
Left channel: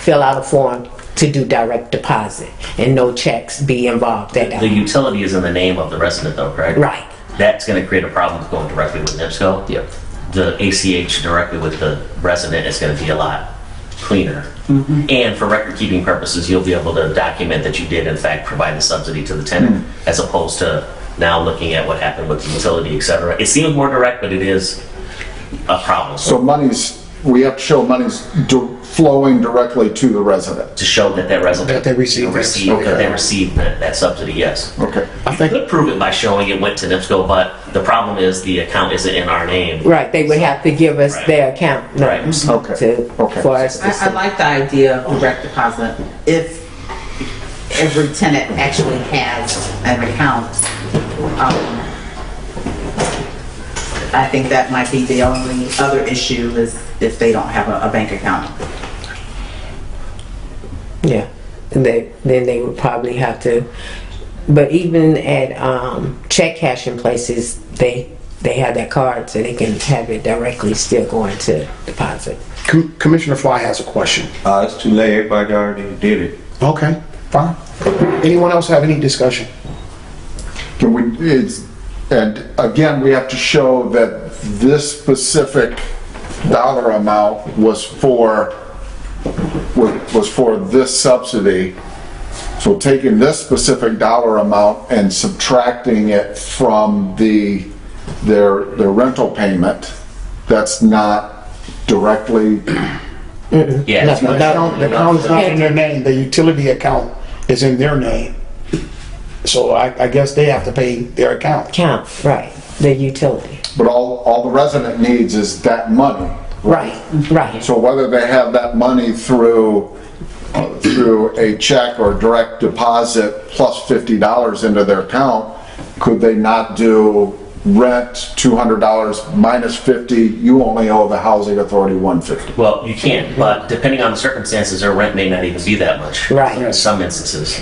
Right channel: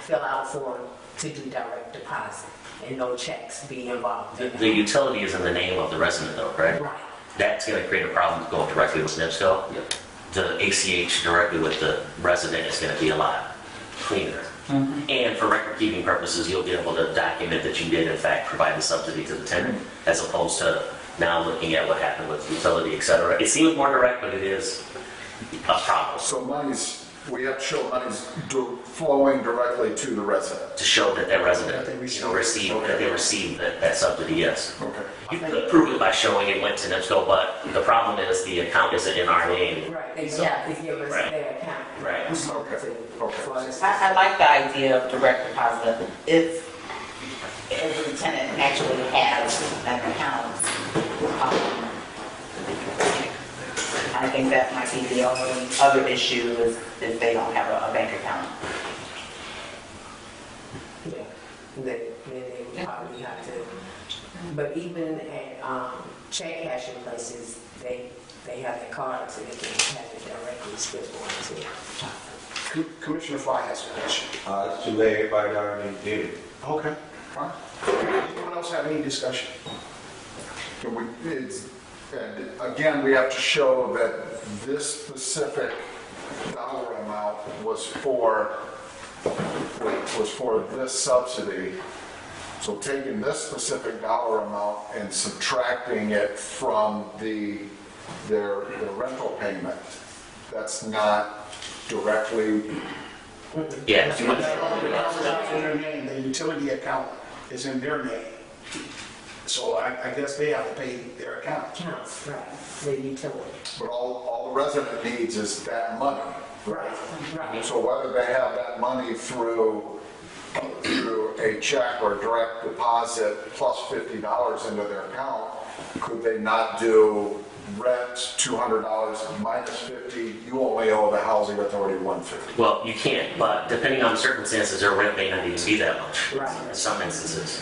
fill out a form to do direct deposit and no checks be involved at The all? utility is in the name of the resident, though, correct? Right. That's gonna create a problem with going directly with NIPSCO. Yep. The ACH directly with the resident is gonna be a lot cleaner. And for record-keeping purposes, you'll be able to document that you did in fact provide the subsidy to the tenant, as opposed to now looking at what happened with the utility, et cetera. It seems more direct, but it is a problem. So we have to show money's flowing directly to the resident? To show that resident. That they received it. That they received that subsidy, yes. Okay. You could prove it by showing it went to NIPSCO, but the problem is the account isn't in our name. Right, they would have to give us their account Right. numbers Okay. Okay. for us to I see. like the idea of direct deposit if every tenant actually has an account. I think that might be the only other issue is if they don't have a bank account. Yeah, and then they would probably have to, but even at check cashing places, they have that card so they can have it directly still going to deposit. Commissioner Fly has a question. It's too late, everybody already did it. Okay, fine. Anyone else have any discussion? And again, we have to show that this specific dollar amount was for this subsidy. So taking this specific dollar amount and subtracting it from their rental payment, that's not directly, Yeah, it's No, much- The account is not in their name, the utility account is in their name. So I guess they have to pay their account. Count, right, the utility. but all the resident needs is that money. Right, right. So whether they have that money through a check or direct deposit plus $50 into their account, could they not do rent $200 minus 50, you only owe the housing authority 150? well, you can, but depending on the circumstances, their rent may not even be that much. Right. In some instances.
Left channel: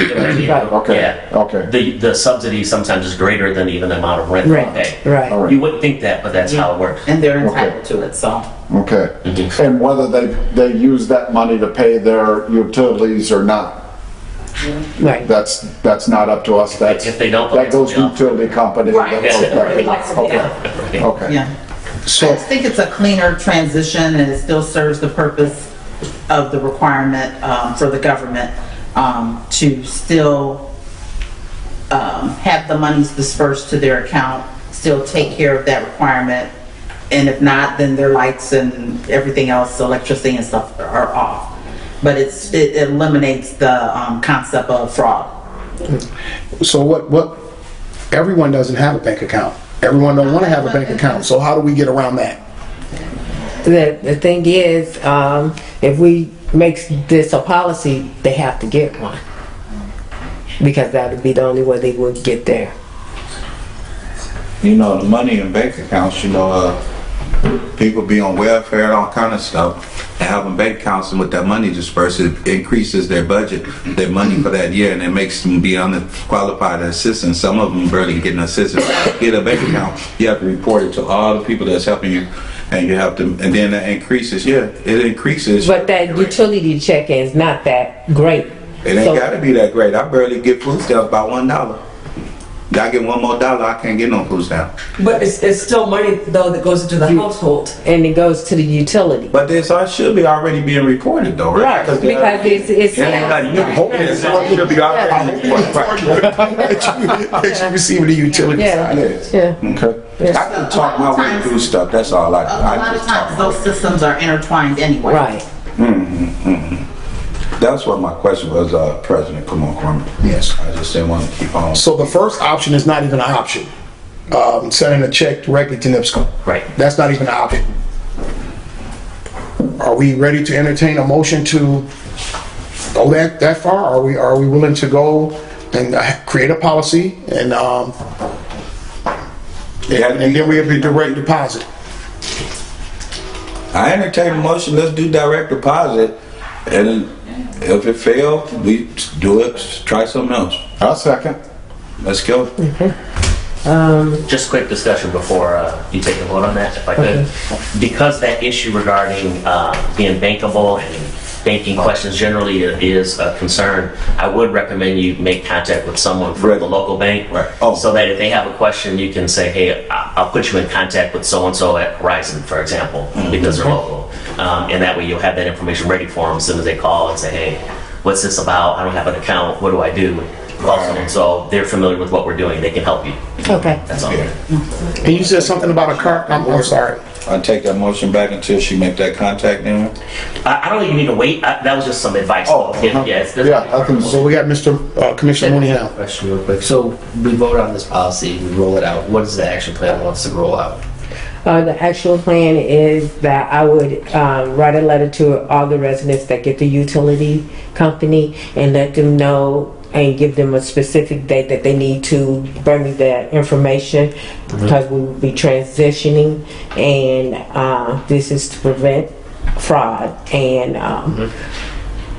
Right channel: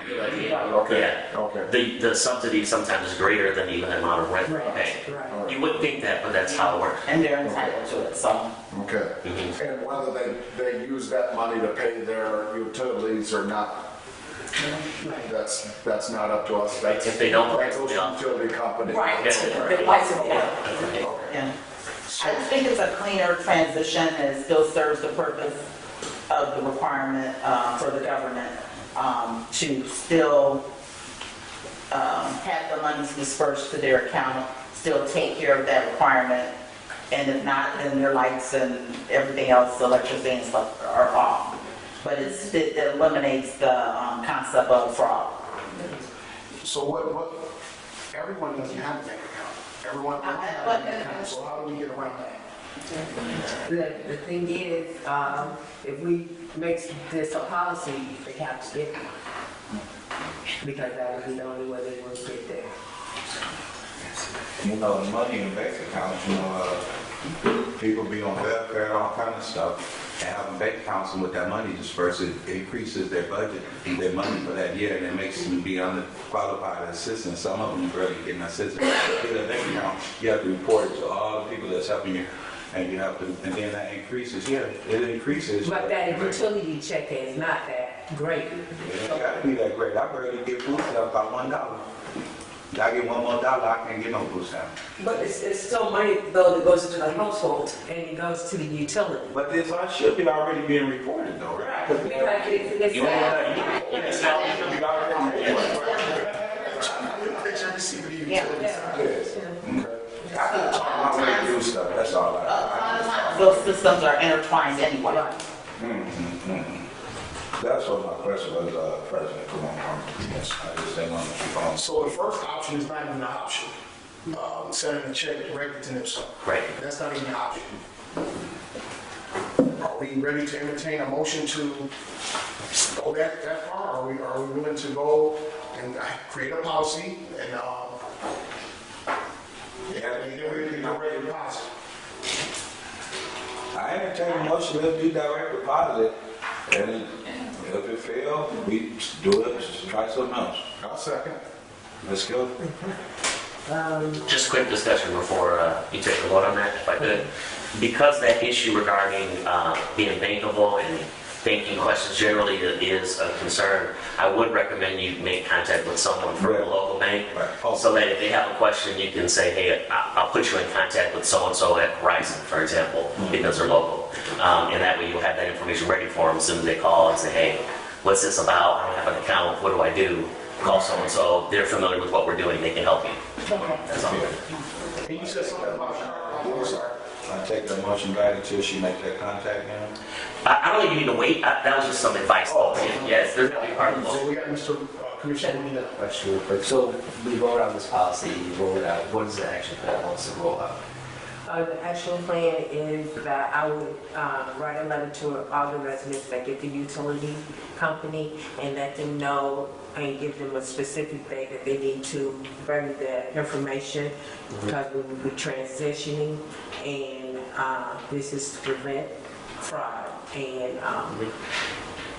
Okay, Yeah. okay. The subsidy sometimes is greater than even the amount of rent they Right, pay. right. All right. You wouldn't think that, but that's how it works. And they're entitled to it, so. Okay. And whether they use that money to pay their utilities or not, Right. that's not up to us. That's, If they don't, that goes to yeah. utility company. Right. That's okay. Yeah. Okay. Okay. Yeah. I just think it's a cleaner transition and it still serves the purpose of the requirement for the government to still have the monies dispersed to their account, still take care of that requirement. And if not, then their lights and everything else, electricity and stuff are off. But it eliminates the concept of fraud. So what, everyone doesn't have a bank account. Everyone don't want to have a bank account. So how do we get around that? The thing is, if we make this a policy, they have to get one. Because that would be the only way they would get there. You know, the money in bank accounts, you know, people be on welfare and all kind of stuff. And having bank accounts and with that money dispersed, it increases their budget, their money for that year, and it makes them be unqualified assistance. Some of them barely getting assistance. Get a bank account, you have to report it to all the people that's helping you, and you have to, and then that increases, yeah, it increases. But that utility check-in is not that great. It ain't So- gotta be that great. I barely get food stamps about $1. I get one more dollar, I can't get no food stamp. But it's still money though that goes into the household. And it goes to the utility. But this should be already being reported though, right? Right, because it's. Yeah, you hope it should be already reported. That you receive the utility Yeah. side. Yeah. Okay. I can talk my way through stuff, that's all I do. A lot of times those systems are intertwined anyway. Right. That's what my question was, President, come on, Kwame. Yes. I just didn't want to keep on. So the first option is not even an option. Sending a check directly to NIPSCO. Right. That's not even an option. Are we ready to entertain a motion to go that far? Are we willing to go and create a policy and then we'll be direct deposit? I entertain a motion, let's do direct deposit, and if it fails, we do it, try something else. I'll second. Let's go. Just a quick discussion before you take a vote on that, if I could. Because that issue regarding being bankable and banking questions generally is a concern, I would recommend you make contact with someone from the local bank. Right. Oh. So that if they have a question, you can say, hey, I'll put you in contact with so-and-so at Horizon, for example, because they're local. And that way you'll have that information ready for them as soon as they call and say, hey, what's this about? I don't have an account. What do I do? Call so-and-so. They're familiar with what we're doing. They can help you. Okay. That's all. And you said something about a car, I'm sorry. I'll take that motion back until she make that contact now. I don't think you need to wait. That was just some advice. Oh, Yes. Yeah, I think So we got Commissioner Mooney now. Question real quick. So we vote on this policy, we roll it out. What is the action plan once it roll out? The actual plan is that I would write a letter to all the residents that get the utility company and let them know and give them a specific date that they need to bring me that information because we will be transitioning and this is to prevent fraud and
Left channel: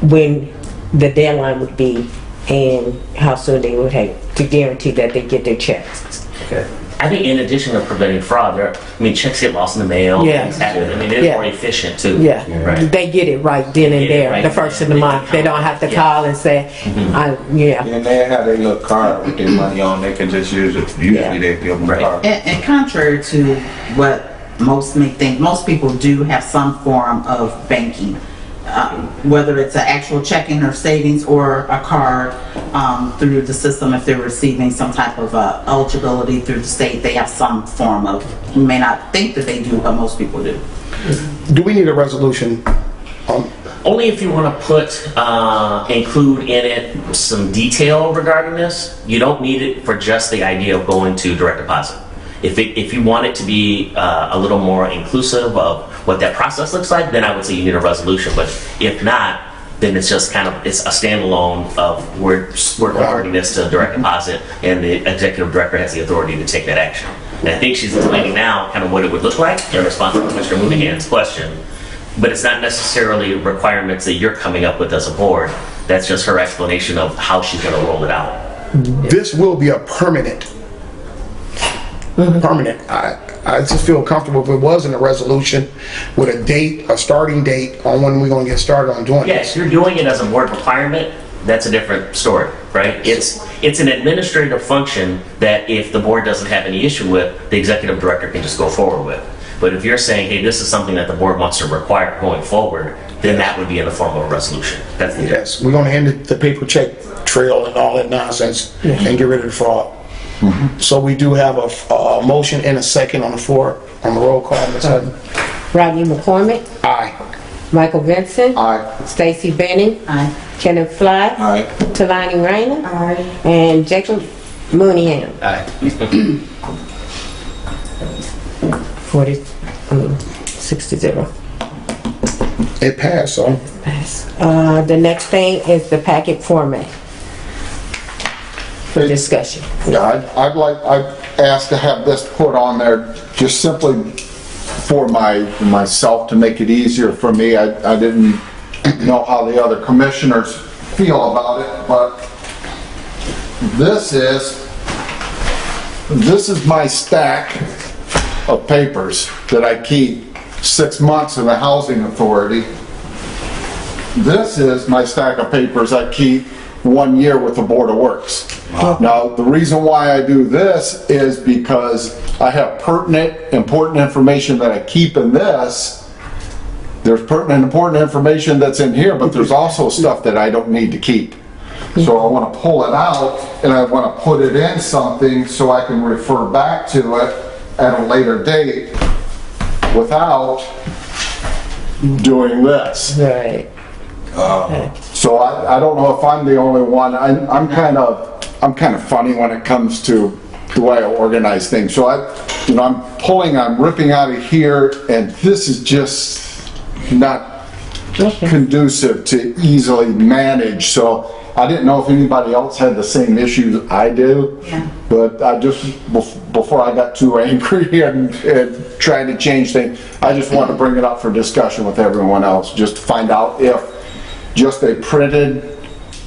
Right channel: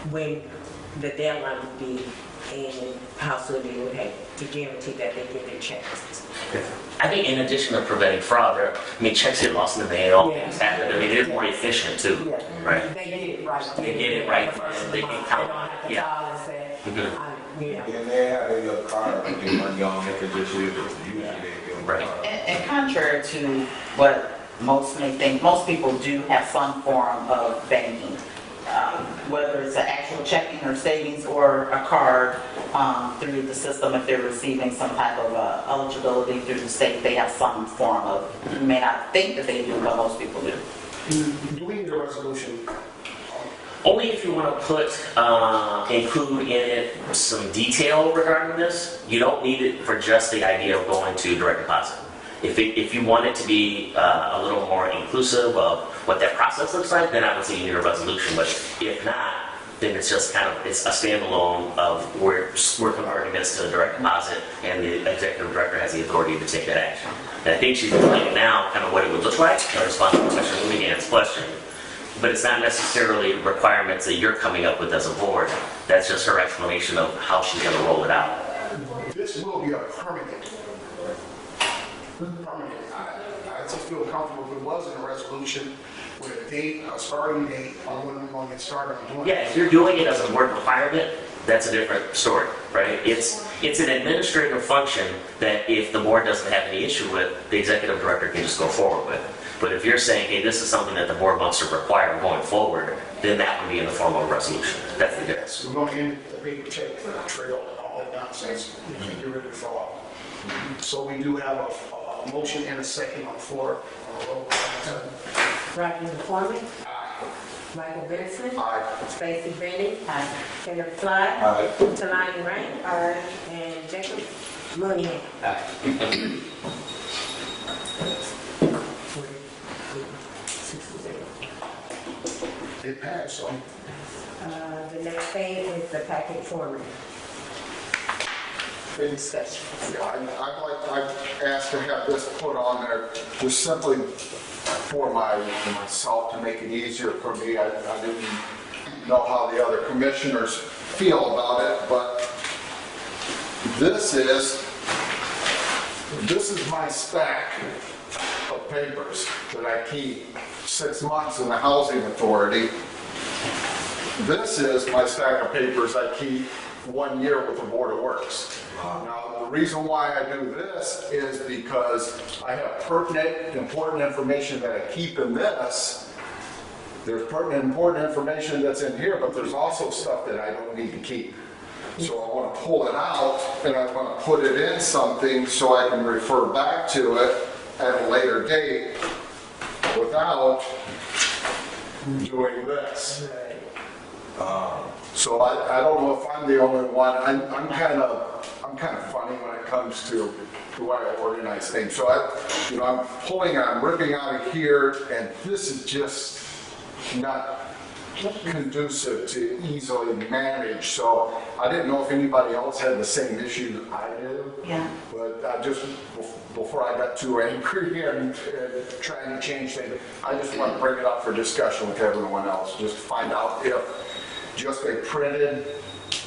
when the deadline would be and how soon they would have to guarantee that they get their checks. Okay. I think in addition to preventing fraud, checks get lost in the mail. Yeah. Things happen. It's Yeah. more efficient too. Yeah, Right. they get it right then and Get it there, right the first of the then. month. They don't have to Yeah. call and say, yeah. And they have their little card with their money on, they can just use it. Usually they give them a Right. card. And contrary to what most may think, most people do have some form of banking. Whether it's an actual checking or savings or a card through the system, if they're receiving some type of eligibility through the state, they have some form of, you may not think that they do, but most people do. Do we need a resolution? Only if you want to put, include in it some detail regarding this. You don't need it for just the idea of going to direct deposit. If you want it to be a little more inclusive of what that process looks like, then I would say you need a resolution. But if not, then it's just it's a standalone of we're converting this to direct deposit, and the executive director has the authority to take that action. And I think she's explaining now kind of what it would look like in response to Commissioner Mooneyhan's question. But it's not necessarily requirements that you're coming up with as a board. That's just her explanation of how she's gonna roll it out. This will be a permanent. Permanent. I just feel comfortable if it wasn't a resolution with a date, a starting date on when we're gonna get started on doing Yes, this. you're doing it as a board requirement, that's a different story, right? It's an administrative function that if the board doesn't have any issue with, the executive director can just go forward with. But if you're saying, hey, this is something that the board wants to require going forward, then that would be in the form of a resolution. That's the difference. Yes, we're gonna end the paper check trail and all that nonsense and get rid of the fraud. So we do have a motion and a second on the floor, on the roll call, Ms. Hutton. Rodney McCormick, Aye. Michael Vincent, Aye. Stacy Benning, Aye. Kenneth Fly, Aye. Talani Rainer, and Jacob Mooneyham. Aye. 6-0. It passed, so. Pass. The next thing is the packet format for discussion. Yeah, I'd ask to have this put on there just simply for myself to make it easier for me. I didn't know how the other commissioners feel about it, but this is my stack of papers that I keep 6 months in the housing authority. This is my stack of papers I keep 1 year with the Board of Works. Now, the reason why I do this is because I have pertinent, important information that I keep in this. There's pertinent, important information that's in here, but there's also stuff that I don't need to keep. So I want to pull it out and I want to put it in something so I can refer back to it at a later date without doing this. Right. So I don't know if I'm the only one. I'm kind of funny when it comes to the way I organize things. So I'm ripping out of here, and this is just not conducive to easily manage. So I didn't know if anybody else had the same issues I do. Yeah. But I just, before I got too angry and trying to change things, I just wanted to bring it up for discussion with everyone else, just to find out if just a printed,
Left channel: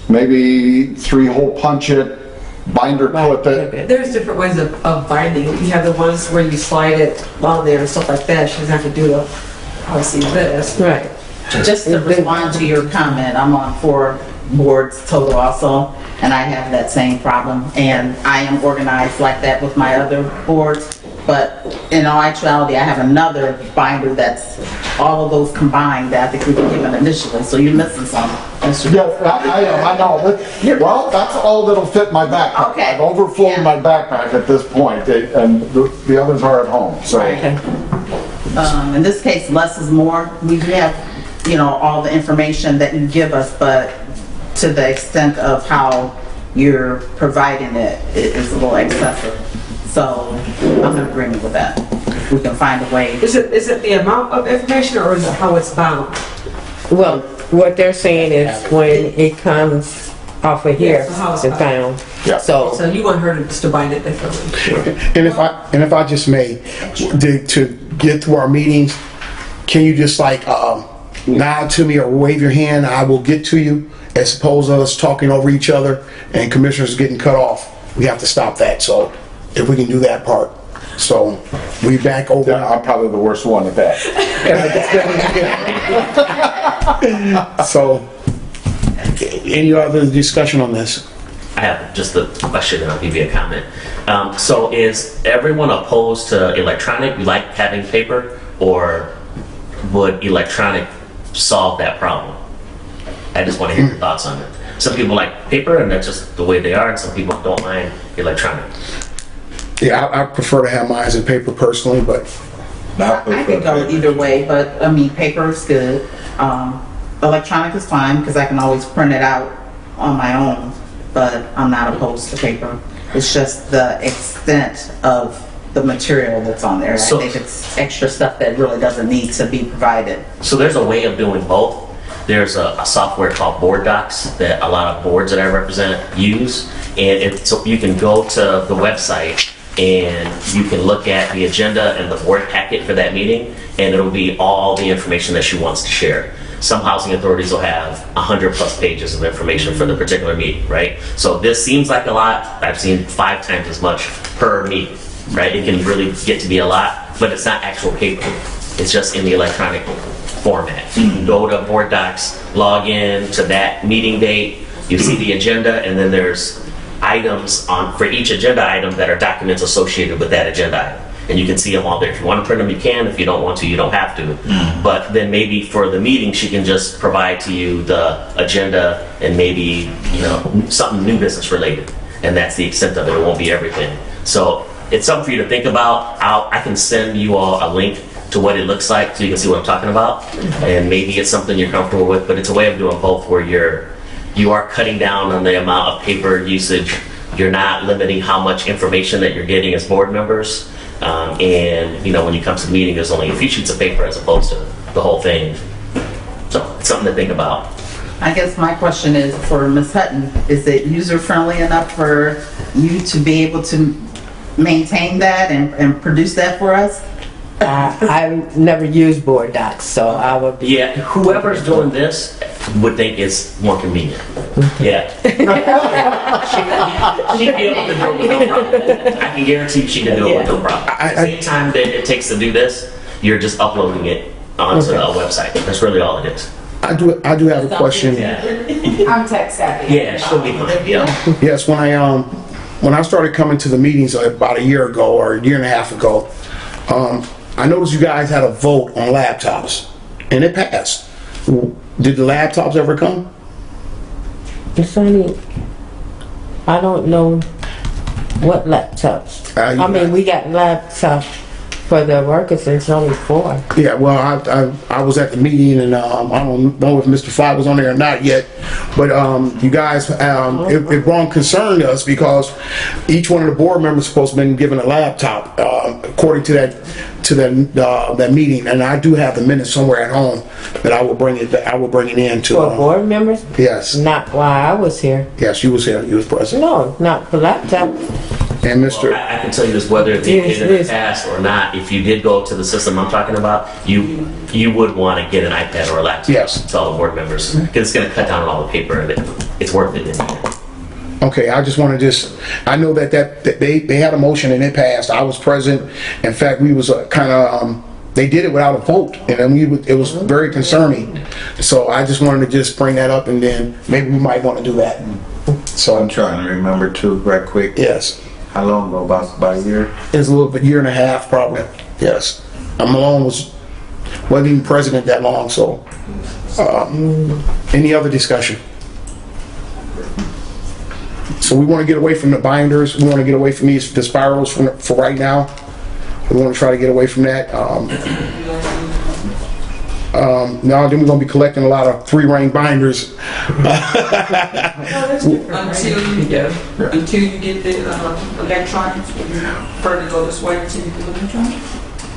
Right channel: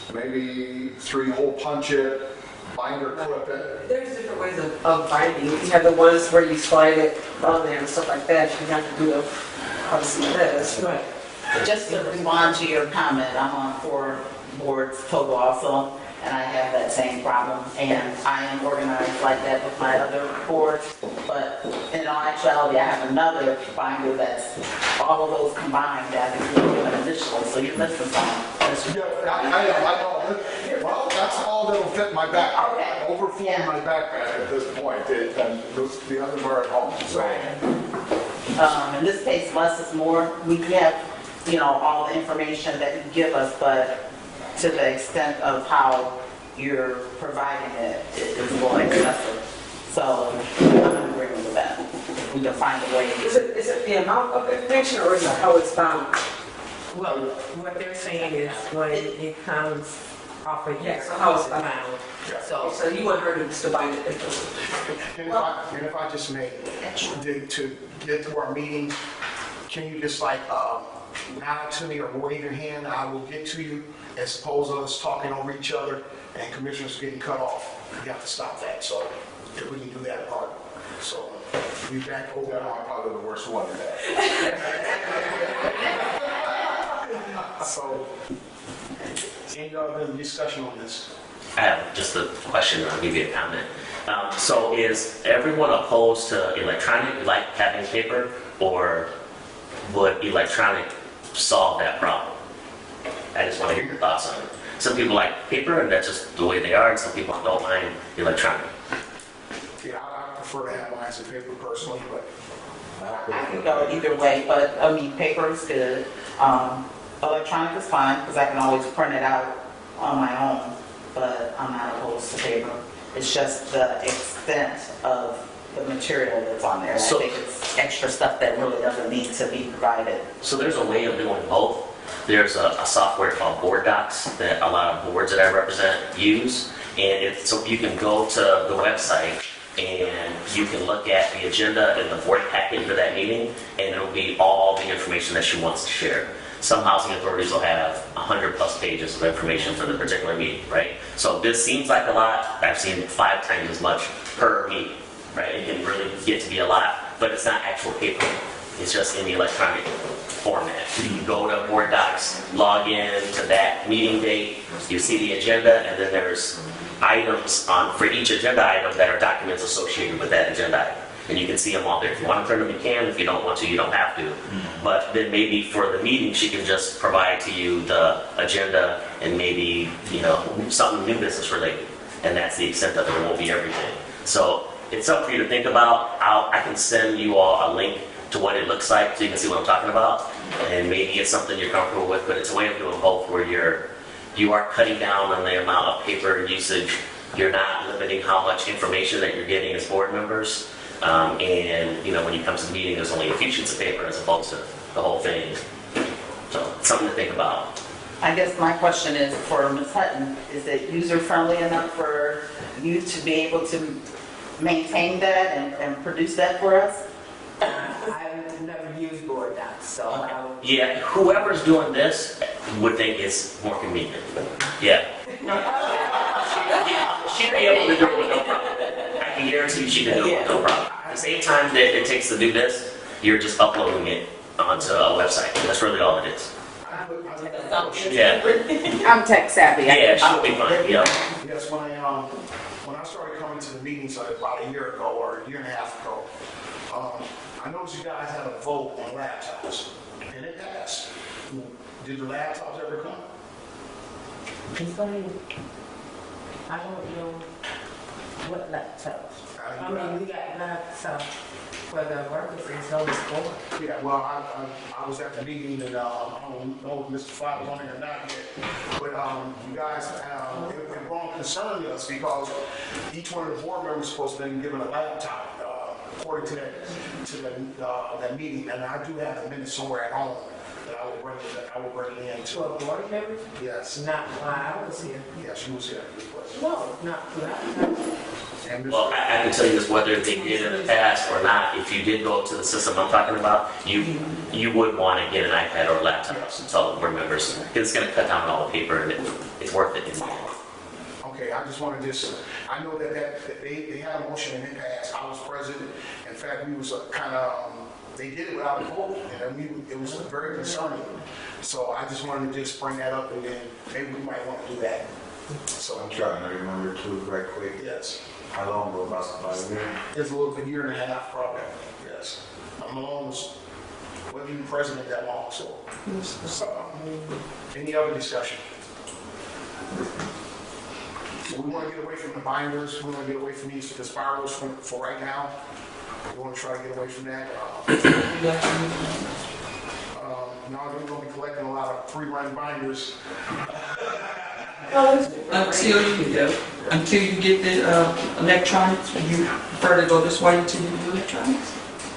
maybe 3-hole punch it, binder clip it. There's different ways of binding. You have the ones where you slide it on there and stuff like that. She doesn't have to do obviously this. Right. Just to respond to your comment, I'm on 4 boards total also, and I have that same problem. And I am organized like that with my other boards, but in all actuality, I have another binder that's all of those combined that I think we can give an initial, so you're missing some. Yeah, I know. Well, that's all that'll fit my backpack. Okay. I've overflowed my backpack at this point, and the others are at home, so. Right. In this case, less is more. We have, all the information that you give us, but to the extent of how you're providing it, it is a little excessive. So I'm in agreement with that. We can find a way. Is it the amount of information or is it how it's bound? Well, what they're saying is when it comes off of here, Yeah, so how it's it's bound. Yeah. So So, you want her to bind it differently? And if I just may, to get through our meetings, can you just nod to me or wave your hand? I will get to you, as opposed to us talking over each other and commissioners getting cut off. We have to stop that. So if we can do that part. So we back over. Yeah, I'm probably the worst one at that. So any other discussion on this? I have just a question and I'll give you a comment. So is everyone opposed to electronic? We like having paper, or would electronic solve that problem? I just want to hear your thoughts on it. Some people like paper and that's just the way they are, and some people don't mind electronic. Yeah, I prefer to have mine in paper personally, but I could go either way, but paper is good. Electronic is fine because I can always print it out on my own, but I'm not opposed to paper. It's just the extent of the material that's on there. So- I think it's extra stuff that really doesn't need to be provided. So there's a way of doing both. There's a software called Board Docs that a lot of boards that I represent use, and so you can go to the website and you can look at the agenda and the board packet for that meeting, and it'll be all the information that she wants to share. some housing authorities will have 100+ pages of information for the particular meeting, right? So this seems like a lot. I've seen 5 times as much per meeting, right? It can really get to be a lot, but it's not actual paper. It's just in the electronic format. You can go to Board Docs, log in to that meeting date, you see the agenda, and then there's items on for each agenda item that are documents associated with that agenda item. And you can see them all there. If you want to print them, you can. If you don't want to, you don't have to. But then maybe for the meeting, she can just provide to you the agenda and maybe, you know, something new business related. And that's the extent of it. It won't be everything. So it's something for you to think about. I can send you all a link to what it looks like so you can see what I'm talking about. And maybe it's something you're comfortable with, but it's a way of doing both where you are cutting down on the amount of paper usage. You're not limiting how much information that you're getting as board members. And, you know, when you come to the meeting, there's only a few sheets of paper as opposed to the whole thing. So it's something to think about. I guess my question is for Ms. Hutton, is it user-friendly enough for you to be able to maintain that and produce that for us? I've never used Board Docs, so I would be. Yeah, whoever's doing this would think it's more convenient. Yeah. She'd be able to do it with no problem. I can guarantee you she can do it with no problem. At the same time that it takes to do this, you're just uploading it onto a website. That's really all it is. I do have a question. Yeah, I'm tech savvy. yeah, she'll be fine, yeah. Yes, when I started coming to the meetings about a year ago or a year and a half ago, I noticed you guys had a vote on laptops, and it passed. Did the laptops ever come? It's only, I don't know what laptops. I mean, we got laptops for the workers, it's only 4. Yeah, well, I was at the meeting, and I don't know if Mr. Fly was on there or not yet, but you guys, it wrong concerned us because each one of the board members is supposed to have been given a laptop, according to that meeting, and I do have the minutes somewhere at home that I will bring it in to. For board members? Yes, Not while I was here. yes, you was here, you was present, No, not for laptop. and Mr. I can tell you this, whether it's in the past or not, if you did go to the system I'm talking about, you would want to get an iPad or a laptop. Yes. To all the board members, because it's going to cut down on all the paper and it's worth it in the end. Okay, I just want to I know that they had a motion and it passed. I was present. In fact, we was they did it without a vote, and then it was very concerning. So I just wanted to just bring that up, and then maybe we might want to do that. So I'm trying to remember too, right quick. Yes, How long ago? About a year? it's a little bit, year and a half probably. Yes, Malone wasn't even president that long. So, any other discussion? So we want to get away from the binders. We want to get away from the spirals for right now. We want to try to get away from that. Now then we're going to be collecting a lot of 3-ring binders. Until you get the electronics, would you prefer to go this way until you do electronics?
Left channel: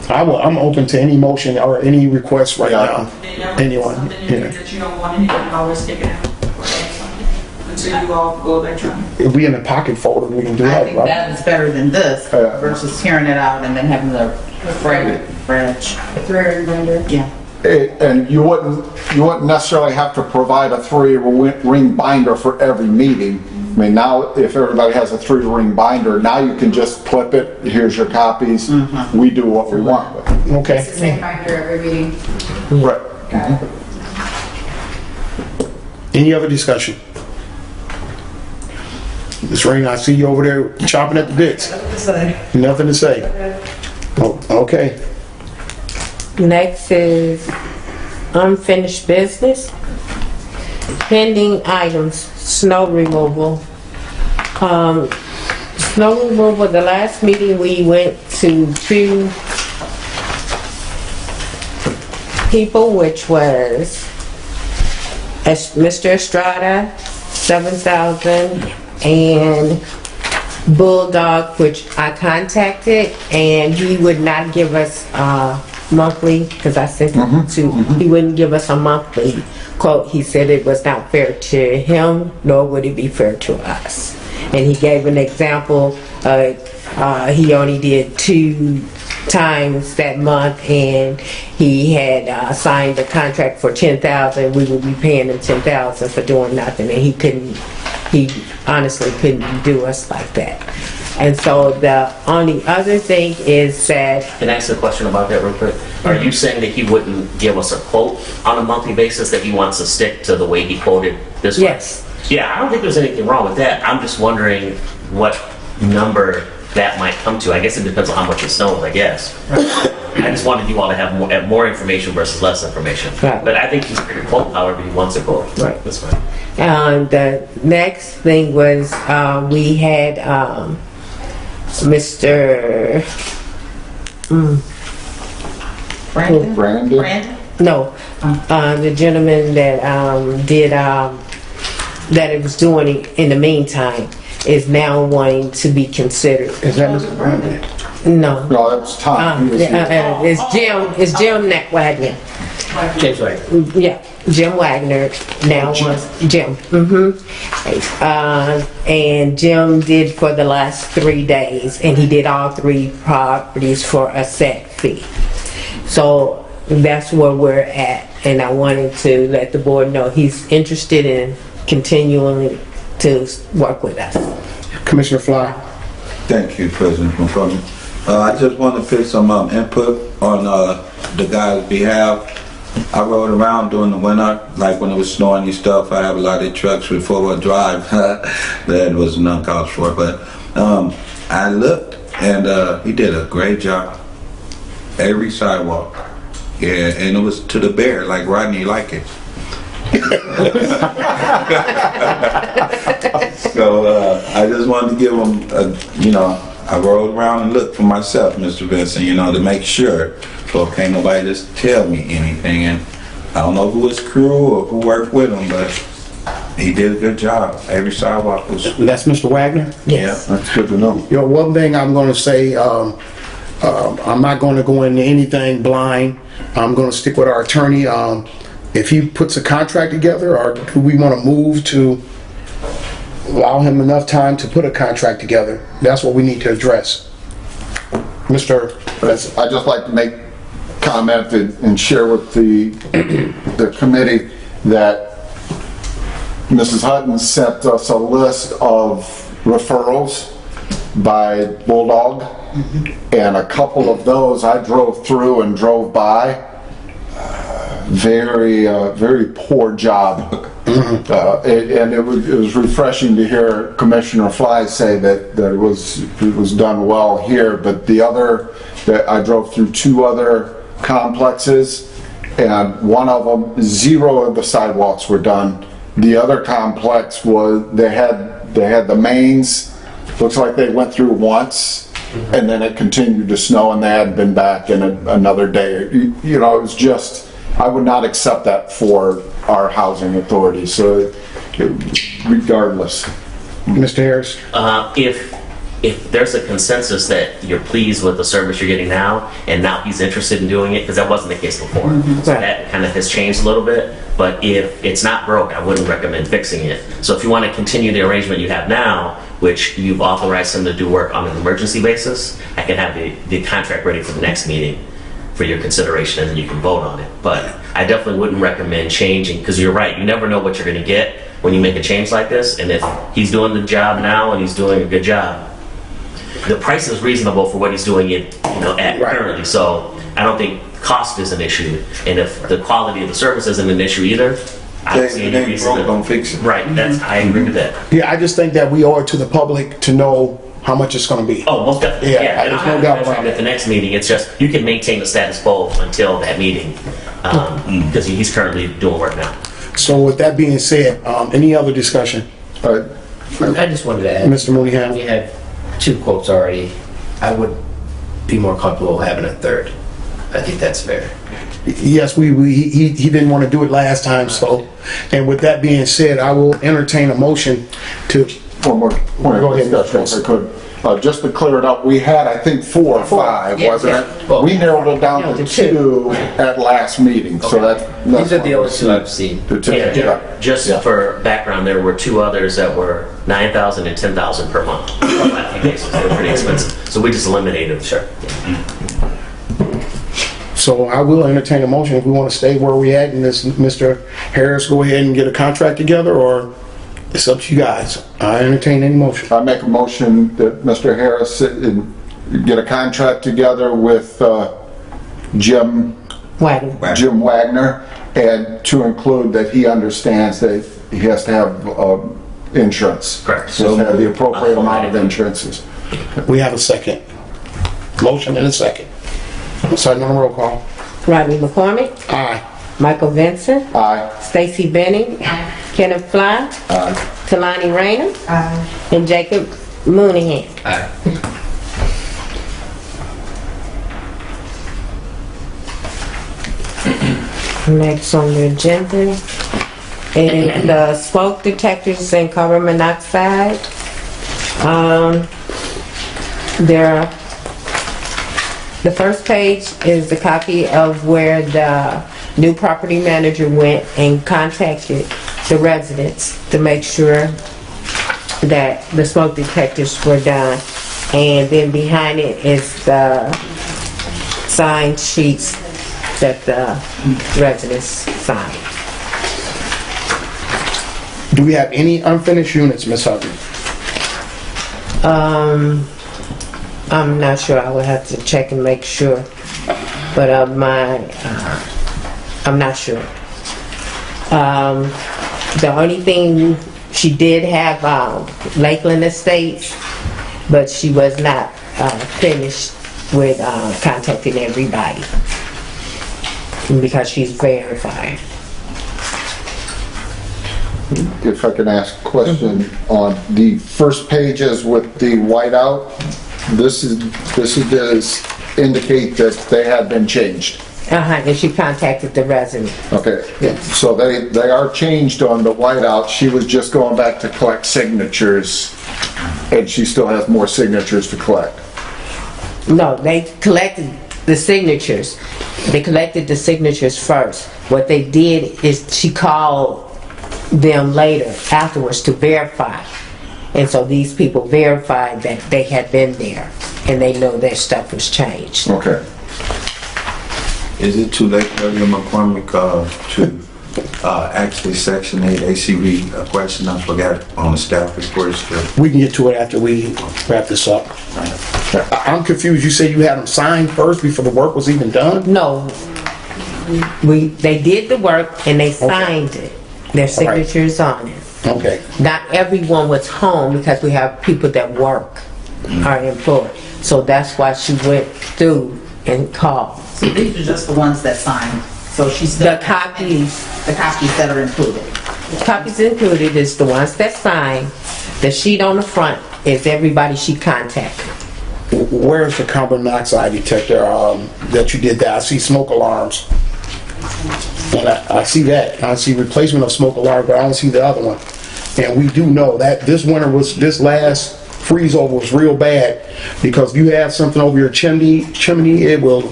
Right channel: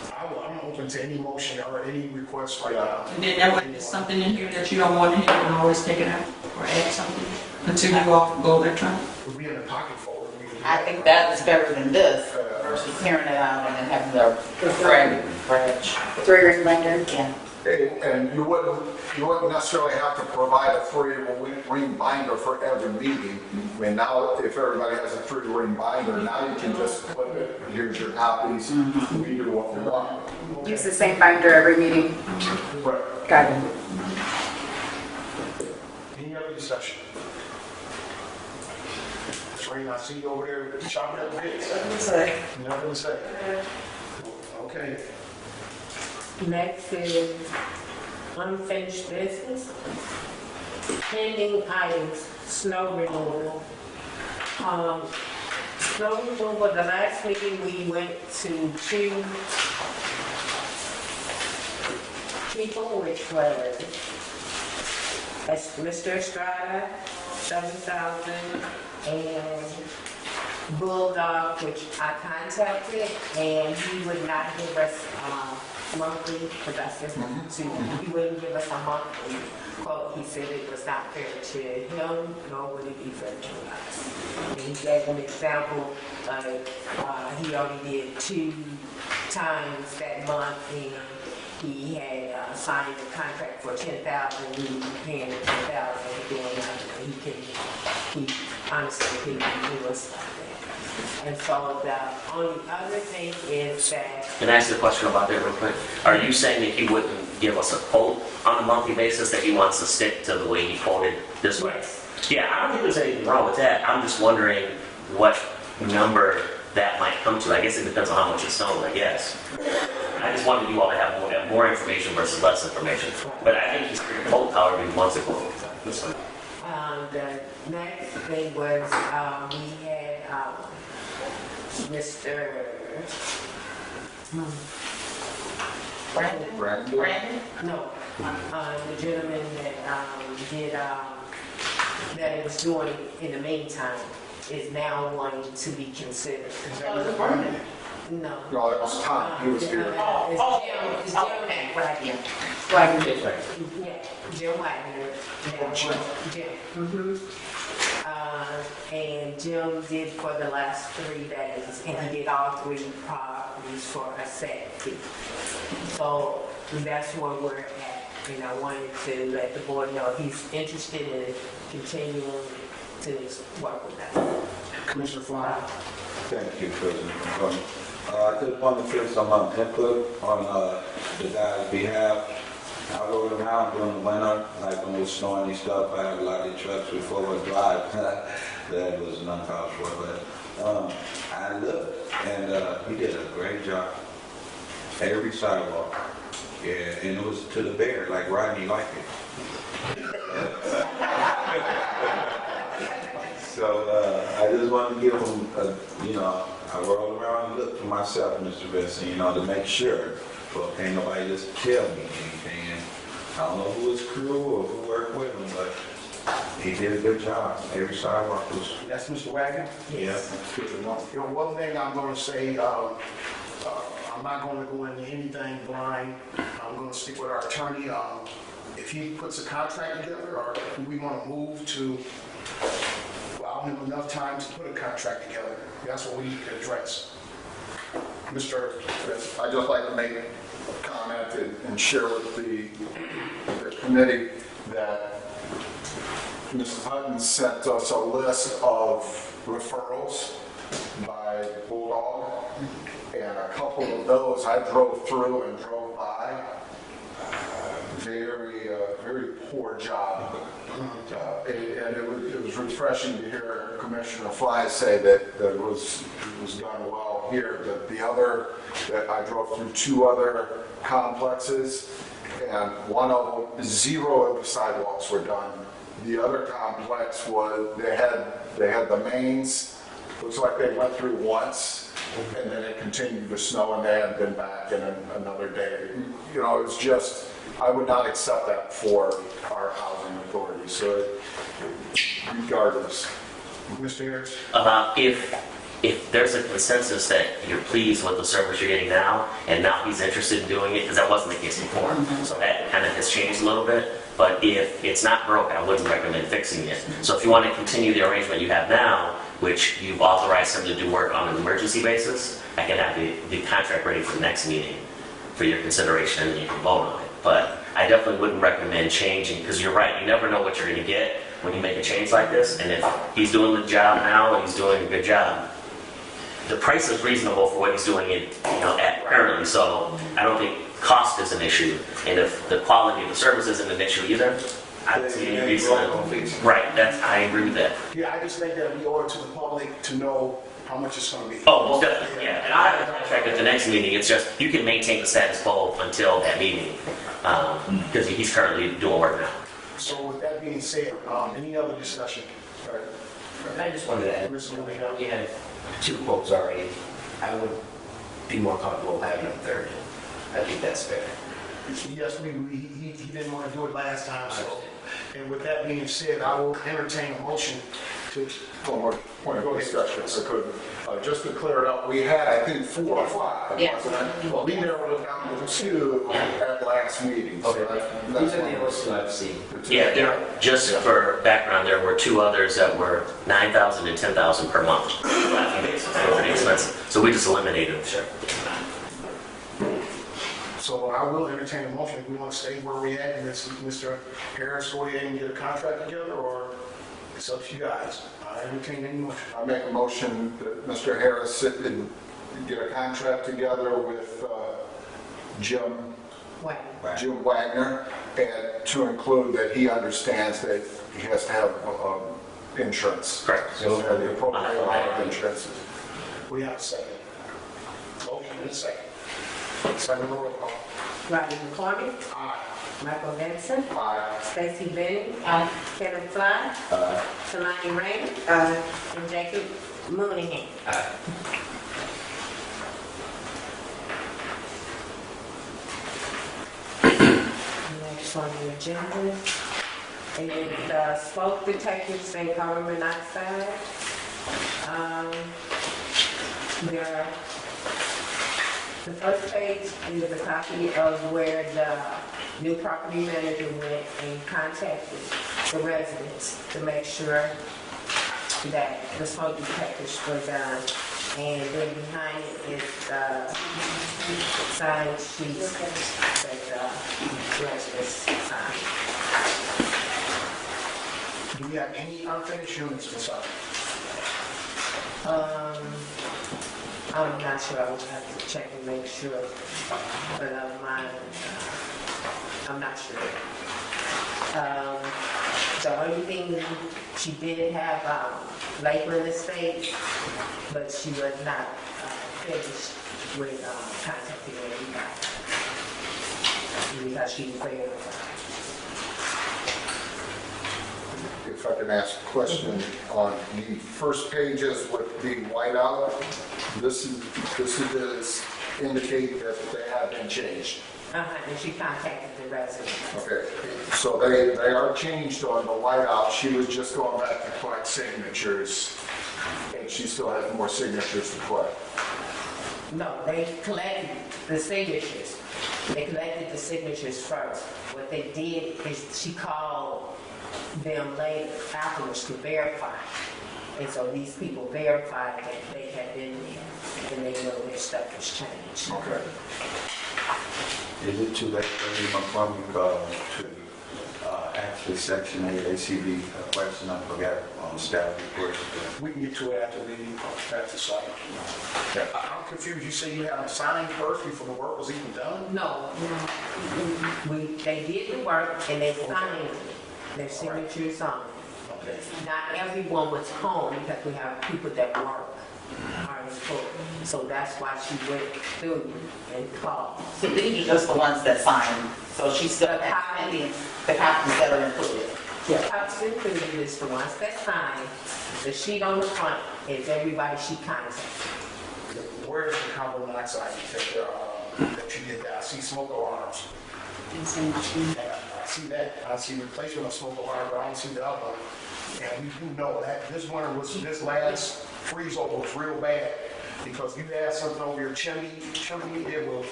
I'm open to any motion or any request right now. Then that would be Anyone, something in here yeah. that you don't want in here, you can always take it out or add something until you all go electronic. If we in a pocket folder, we can do I that, think right? that is better than this versus tearing it out and then having the frag. 3-ring binder? Yeah. And you wouldn't necessarily have to provide a 3-ring binder for every meeting. I mean, now if everybody has a 3-ring binder, now you can just clip it, here's your copies, we do what we want with it. Okay. It's the same binder every meeting. Right. Got it. Any other discussion? Ms. Rain, I see you over there chopping at the bits. Nothing to say. Oh, okay. Next is unfinished business. Pending items, snow removal. Snow removal, the last meeting we went to 2 people, which was Mr. Estrada, 7,000, and Bulldog, which I contacted, and he would not give us monthly, because I sent it to, he wouldn't give us a monthly quote. He said it was not fair to him, nor would it be fair to us. And he gave an example, he only did 2 times that month, and he had signed a contract for 10,000. We would be paying him 10,000 for doing nothing, and he honestly couldn't do us like that. And so the only other thing is that, Can I ask a question about that real quick? Are you saying that he wouldn't give us a quote on a monthly basis, that he wants to stick to the way he quoted this way? yes, Yeah, I don't think there's anything wrong with that. I'm just wondering what number that might come to. I guess it depends on how much it snows, I guess. I just wanted you all to have more information versus less information. Right. But I think he's free to quote however he wants to quote. Right. That's fine. the next thing was, we had, Mr. Brandon? Brandon? Brandon? No, the gentleman that did that it was doing it in the meantime is now wanting to be considered. Is that Mr. Brandon? No, No, that was Tom. He was here. it's Jim Wagner. James White. Yeah, Jim Wagner now was Jim. And Jim did for the last 3 days, and he did all 3 properties for a set fee. So that's where we're at, and I wanted to let the board know he's interested in continuing to work with us. Commissioner Fly. Thank you, President McCormick. I just want to put some input on the guy's behalf. I rode around during the winter, like when it was snowing and stuff. I have a lot of trucks with 4-wheel drive. That was uncalled for, but I looked, and he did a great job. Every sidewalk. Yeah, and it was to the bear, like Rodney like it. So I just wanted to give him, I rode around and looked for myself, Mr. Benson, to make sure. So can't nobody just tell me anything. And I don't know who his crew or who worked with him, but he did a good job. Every sidewalk was, That's Mr. Wagner? Yes. That's good to know. One thing I'm gonna say, I'm not gonna go into anything blind. I'm gonna stick with our attorney. If he puts a contract together, or do we wanna move to allow him enough time to put a contract together? That's what we need to address. Mr. I'd just like to make comment and share with the committee that Mrs. Hutton sent us a list of referrals by Bulldog, and a couple of those I drove through and drove by. Very poor job. And it was refreshing to hear Commissioner Fly say that it was done well here, but I drove through 2 other complexes, and one of them, 0 of the sidewalks were done. The other complex they had the mains, looks like they went through once, and then it continued to snow, and they hadn't been back in another day. It was just, I would not accept that for our housing authority, so regardless. Mr. Harris? If there's a consensus that you're pleased with the service you're getting now, and now he's interested in doing it, because that wasn't the case before. So that kind of has changed a little bit, but if it's not broke, I wouldn't recommend fixing it. So if you want to continue the arrangement you have now, which you've authorized him to do work on an emergency basis, I can have the contract ready for the next meeting for your consideration, and then you can vote on it. But I definitely wouldn't recommend changing, because you're right, you never know what you're going to get when you make a change like this. And if he's doing the job now and he's doing a good job, the price is reasonable for what he's doing it, at currently. So I don't think cost is an issue, and if the quality of the service isn't an issue either, I don't see any reason don't fix it. Right, I agree with that. Yeah, I just think that we owe it to the public to know how much it's gonna be. Oh, most definitely. Yeah, Yeah, and there's I'll no have a doubt contract about it. at the next meeting. It's just, you can maintain the status quo until that meeting, because he's currently doing work now. So with that being said, any other discussion? All right. I just wanted to add, Mr. Mooneyham? we had 2 quotes already. I would be more comfortable having a third. I think that's fair. Yes, he didn't want to do it last time, so, and with that being said, I will entertain a motion to, One more point Go of ahead, discussion, if I could. Just to clear it up, we had, I think, 4 or 5, Yeah, wasn't yeah. it? Well, We narrowed it down No, to to 2. 2 at last meeting, so that's. These are the only 2 I've seen. The 2, Yeah, yeah. just for background, there were 2 others that were $9,000 and $10,000 per month. They were pretty expensive, so we just eliminated. Sure. So I will entertain a motion if we want to stay where we at and this Mr. Harris go ahead and get a contract together, or it's up to you guys. I entertain any motion. I make a motion that Mr. Harris sit and get a contract together with Jim Wagner, and to include that he understands that he has to have insurance. Correct. He has to have the appropriate amount of insurances. We have a second. Motion and a second. Second on the roll call. Rodney McCormick, Aye. Michael Vincent, Aye. Stacy Benning, Kenneth Fly, Talani Rainer, and Jacob Mooneyhan. Aye. Next on the agenda is the smoke detectors and carbon monoxide. The first page is the copy of where the new property manager went and contacted the residents to make sure that the smoke detectors were done. And then behind it is the signed sheets that the residents signed. Do we have any unfinished units, Ms. Hutton? I'm not sure. I would have to check and make sure. But I'm not sure. The only thing, she did have Lakeland Estates, but she was not finished with contacting everybody because she's verified. If I can ask a question on the first pages with the whiteout, this does indicate that they have been changed. And she contacted the resident. Okay, so they are changed on the whiteout. She was just going back to collect signatures, and she still has more signatures to collect. No, they collected the signatures. They collected the signatures first. What they did is she called them later, afterwards, to verify. And so these people verified that they had been there and they know their stuff was changed. Okay. Is it too late for William McCormick to actually Section 8 ACV a question I forgot on the staff report still? We can get to it after we wrap this up. I'm confused. You said you had them signed first before the work was even done? No, they did the work and they signed it. Their signatures on it. Okay. Not everyone was home because we have people that work, are employed. So that's why she went through and called. So these are just the ones that signed. So she's still. The copies that are included. Copies included is the ones that signed. The sheet on the front is everybody she contacted. Where's the carbon monoxide detector that you did that? I see smoke alarms. And I see that. I see replacement of smoke alarm, but I don't see the other one. And we do know that this last freeze over was real bad, because if you have something over your chimney, it will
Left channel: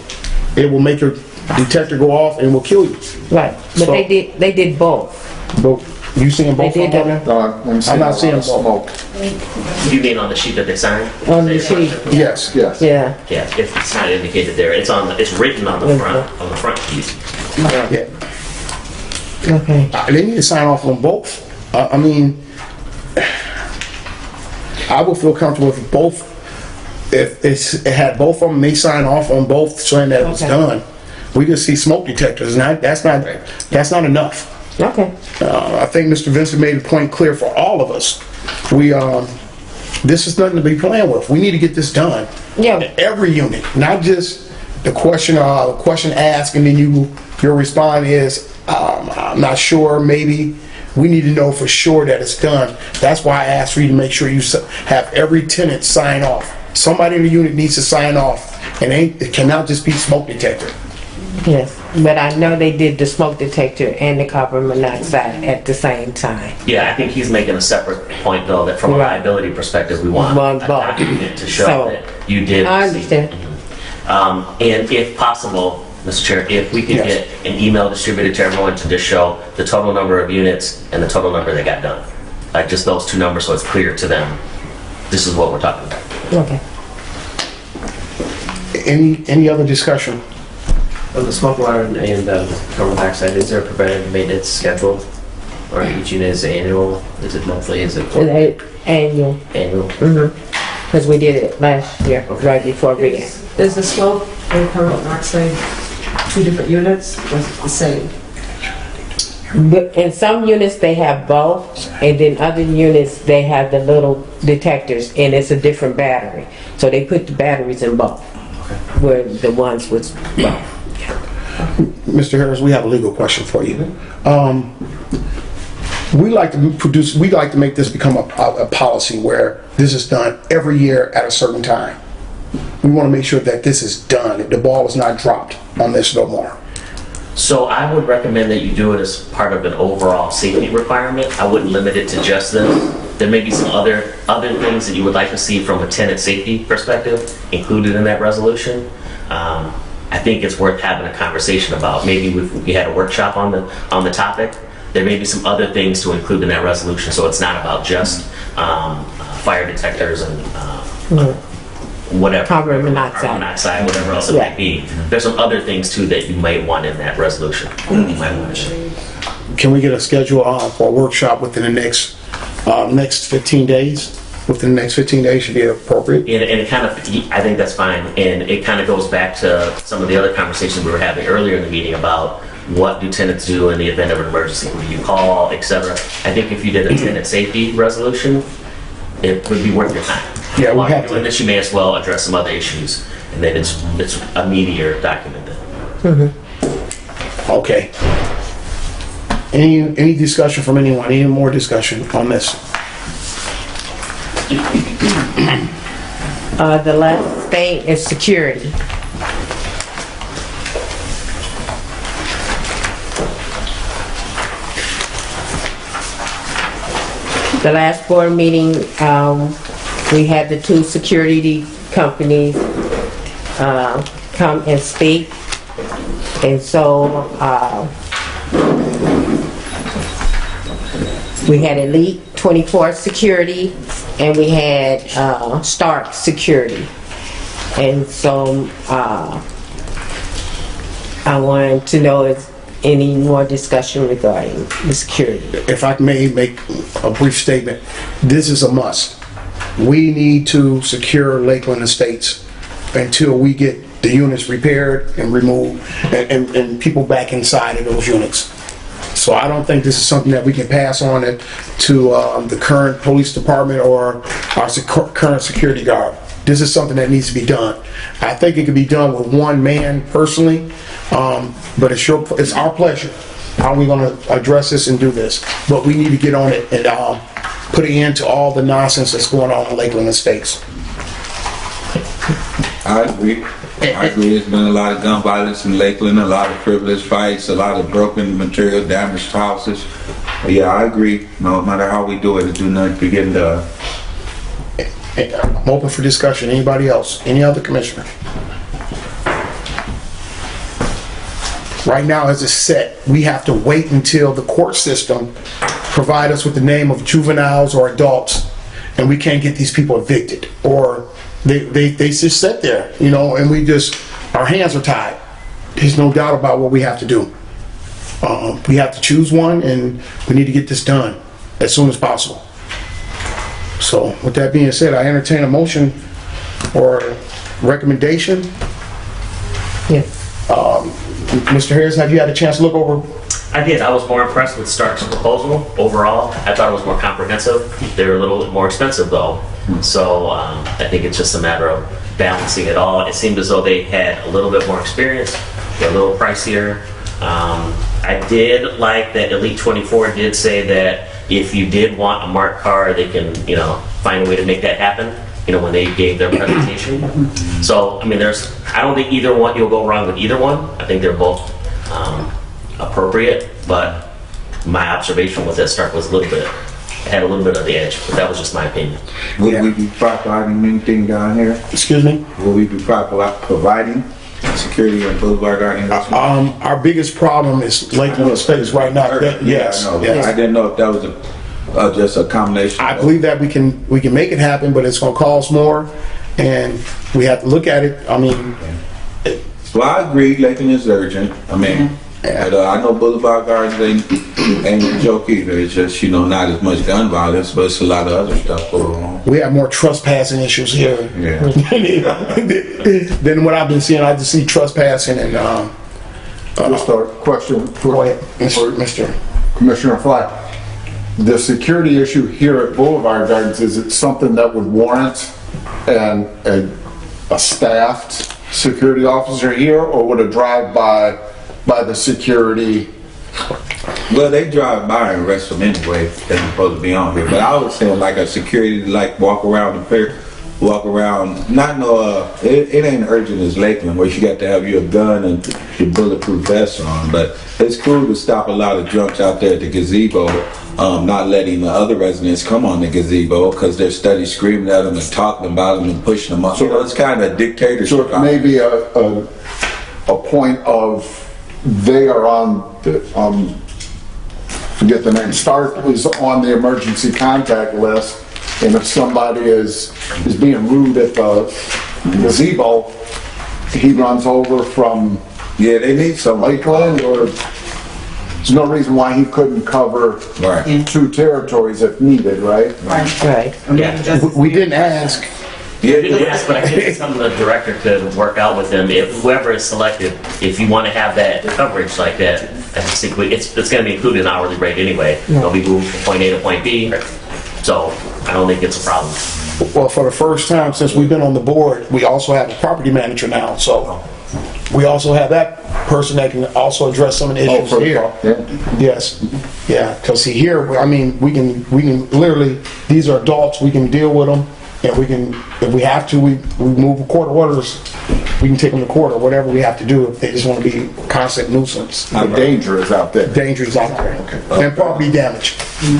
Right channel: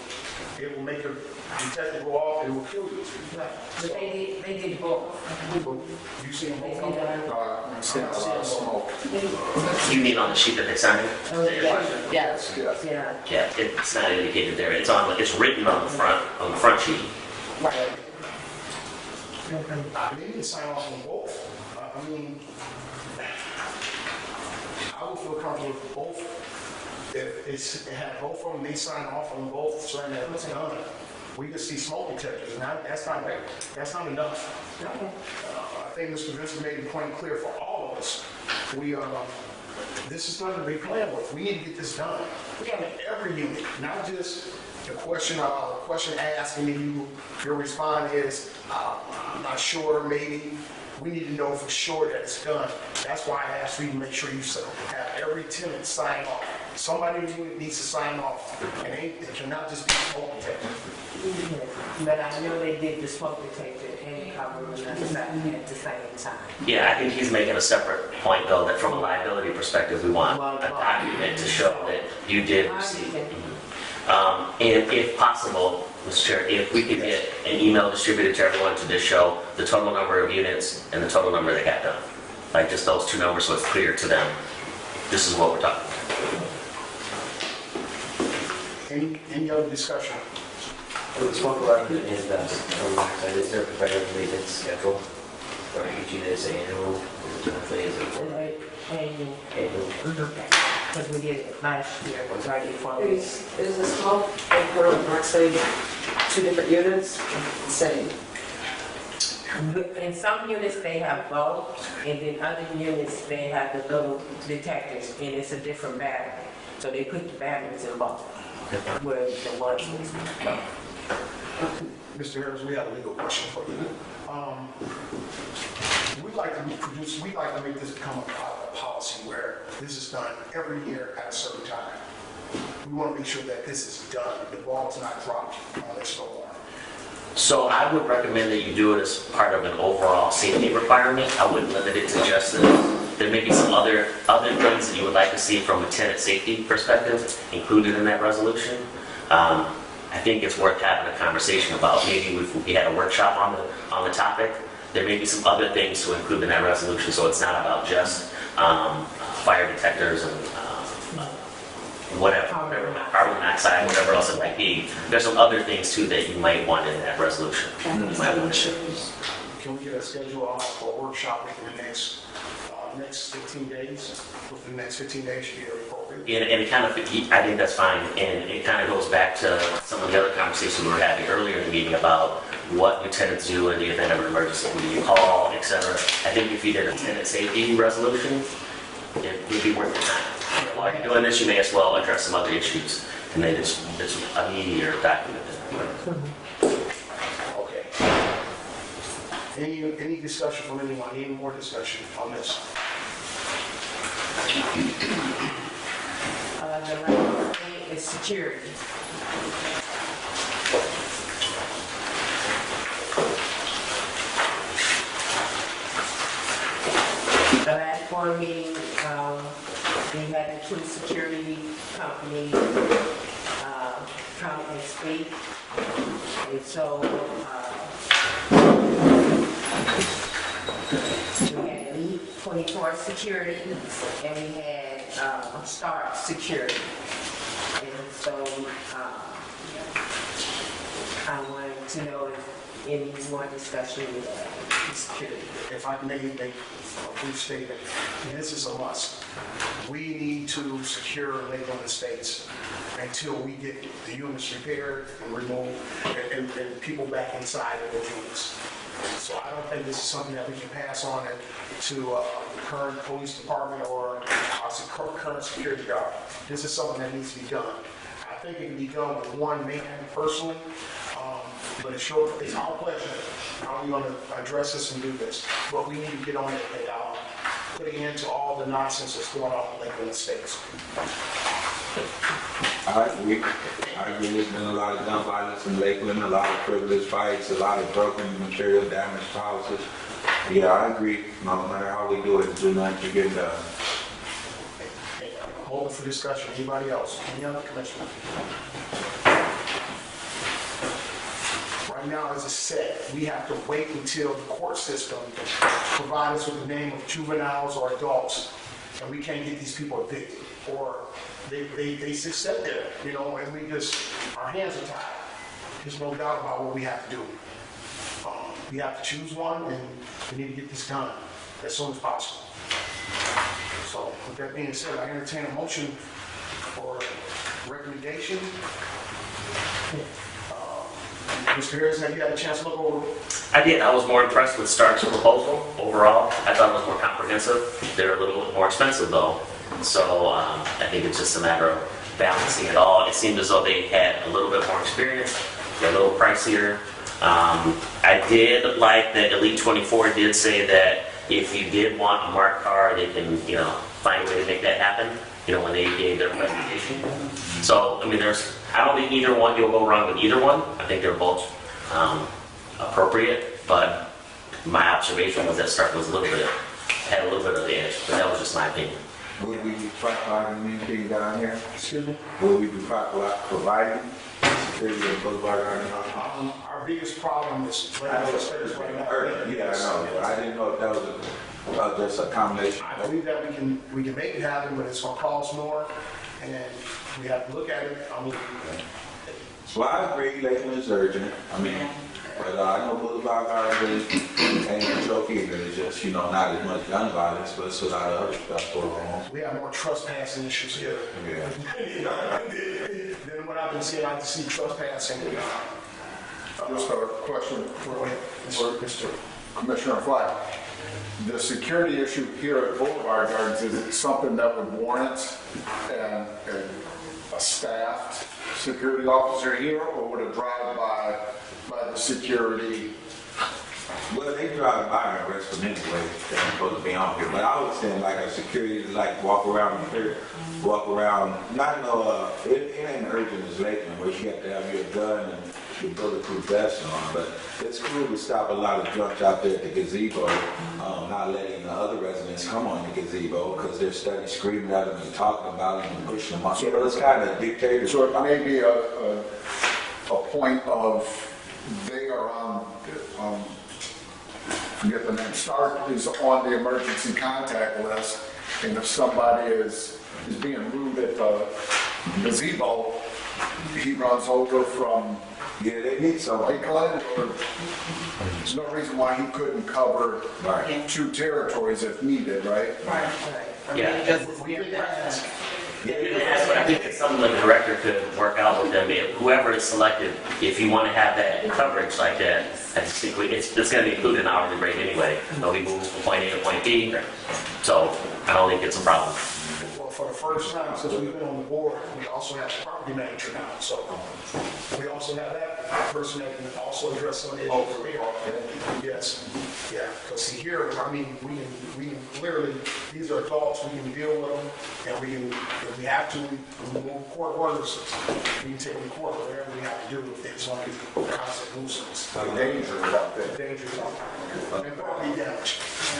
make your detector go off and will kill you. Right, but So- they did both. But you seeing both They of did them? No, I'm not seeing smoke. You mean on the sheet that they signed? On the sheet, Yes, yes. yeah. Yeah, it's not indicated there. It's written on the front sheet. Yeah. Okay. They need to sign off on both. I mean, I would feel comfortable if both, if it had both of them, they sign off on both saying that it was Okay. done. We just see smoke detectors, and that's not enough. Okay. I think Mr. Vincent made the point clear for all of us. This is nothing to be playing with. We need to get this done. Yeah. Every unit, not just the question asked, and then your response is, I'm not sure, maybe. We need to know for sure that it's done. That's why I asked for you to make sure you have every tenant sign off. Somebody in the unit needs to sign off, and it cannot just be smoke detector. Yes, but I know they did the smoke detector and the carbon monoxide at the same time. Yeah, I think he's making a separate point though, that from a Right. liability perspective, we want Want a both. document to show So, that you did. I receive it. understand. And if possible, Mr. Chair, if we could Yes. get an email distributed to everyone to just show the total number of units and the total number that got done. Like just those two numbers so it's clear to them, this is what we're talking about. Okay. Any other discussion? On the smoke alarm and carbon dioxide, is there a preventative maintenance schedule? Or each unit is annual? Is it monthly? Is it Annual, annual? because we did it last year, right before we began. Is the smoke and carbon monoxide two different units or is it the same? But in some units, they have both, and then other units, they have the little detectors, and it's a different battery. So they put the batteries in both, where the ones with both. Mr. Harris, we have a legal question for you. We like to make this become a policy where this is done every year at a certain time. We want to make sure that this is done, that the ball is not dropped on this no more. So I would recommend that you do it as part of an overall safety requirement. I wouldn't limit it to just this. There may be some other things that you would like to see from a tenant safety perspective included in that resolution. I think it's worth having a conversation about. Maybe if we had a workshop on the topic, there may be some other things to include in that resolution, so it's not about just fire detectors and whatever. Carbon monoxide. Whatever else it might be. There's some other things too that you might want in that resolution. You might want to share. Can we get a schedule for a workshop within the next 15 days? Within the next 15 days should be appropriate. And it kind of, I think that's fine. And it kind of goes back to some of the other conversations we were having earlier in the meeting about what do tenants do in the event of an emergency? Who do you call, et cetera? I think if you did a tenant safety resolution, it would be worth your time. Yeah, we While have you're to. doing this, you may as well address some other issues. And then it's a meatier document then. Okay. Any discussion from anyone? Any more discussion on this? The last thing is security. The last board meeting, we had the two security companies come and speak. And so we had Elite 24 Security and we had Stark Security. And so I wanted to know if any more discussion regarding the security. If I may make a brief statement, this is a must. We need to secure Lakeland Estates until we get the units repaired and removed and people back inside of those units. So I don't think this is something that we can pass on it to the current police department or our current security guard. This is something that needs to be done. I think it could be done with one man personally, but it's our pleasure. How are we going to address this and do this? But we need to get on it and put an end to all the nonsense that's going on in Lakeland Estates. I agree. There's been a lot of gun violence in Lakeland, a lot of privileged fights, a lot of broken material, damaged houses. But yeah, I agree. No matter how we do it, do not be getting done. I'm open for discussion. Anybody else? Any other commissioner? Right now, as it's set, we have to wait until the court system provide us with the name of juveniles or adults, and we can't get these people evicted, or they just sit there, you know, and our hands are tied. There's no doubt about what we have to do. We have to choose one, and we need to get this done as soon as possible. So with that being said, I entertain a motion or recommendation. Yes. Mr. Harris, have you had a chance to look over? I did. I was more impressed with Stark's proposal overall. I thought it was more comprehensive. They were a little more expensive though. So I think it's just a matter of balancing it all. It seemed as though they had a little bit more experience, a little pricier. I did like that Elite 24 did say that if you did want a marked car, they can, find a way to make that happen, when they gave their presentation. So, I mean, I don't think either one, you'll go wrong with either one. I think they're both appropriate, but my observation was that Stark had a little bit of the edge, but that was just my opinion. Would we be providing anything down here? Excuse me? Will we be providing security on Boulevard Garden? Our biggest problem is Lakeland Estates right now. Yes. I know. Yes. I didn't know if that was just a combination. I believe that we can make it happen, but it's going to cost more, and we have to look at it. I mean, Well, I agree, Lakeland is urgent. I mean, but I know Boulevard Gardens ain't a joke either. It's just, you know, not as much gun violence, but it's a lot of other stuff going on. We have more trespassing issues here Yeah. than what I've been seeing. I just see trespassing and, Just a question go ahead, for Mr. Commissioner Fly. The security issue here at Boulevard Gardens, is it something that would warrant a staffed security officer here, or would a drive-by by the security? Well, they drive by and arrest them anyway. They're supposed to be on here. But I was saying like a security, like walk around the pier, walk around. Not no, it ain't urgent as Lakeland where you got to have your gun and your bulletproof vest on. But it's cool to stop a lot of drunks out there at the gazebo, not letting the other residents come on the gazebo because they're steady screaming at them and talking about them and pushing them up. So it's kind of a dictatorship. So it may be a point of they are on the, forget the name, Stark is on the emergency contact list, and if somebody is being rude at the gazebo, he runs over from Yeah, they need some Lakeland, or there's no reason why he couldn't cover Right. two territories if needed, right? Right. Yeah. We didn't ask. Yes, but I think it's something the director could work out with them. If whoever is selected, if you want to have that coverage like that, I think it's going to be included in hourly rate anyway. They'll be moved from point A to point B. So I don't think it's a problem. Well, for the first time since we've been on the board, we also have a property manager now, so we also have that person that can also address some of the issues here. Yeah. Yes, yeah, because see here, I mean, we can literally, these are adults, we can deal with them, and we can, if we have to, we move court orders, we can take them to court or whatever we have to do if they just want to be a constant nuisance. The danger is out there. Danger is out there, and property damage.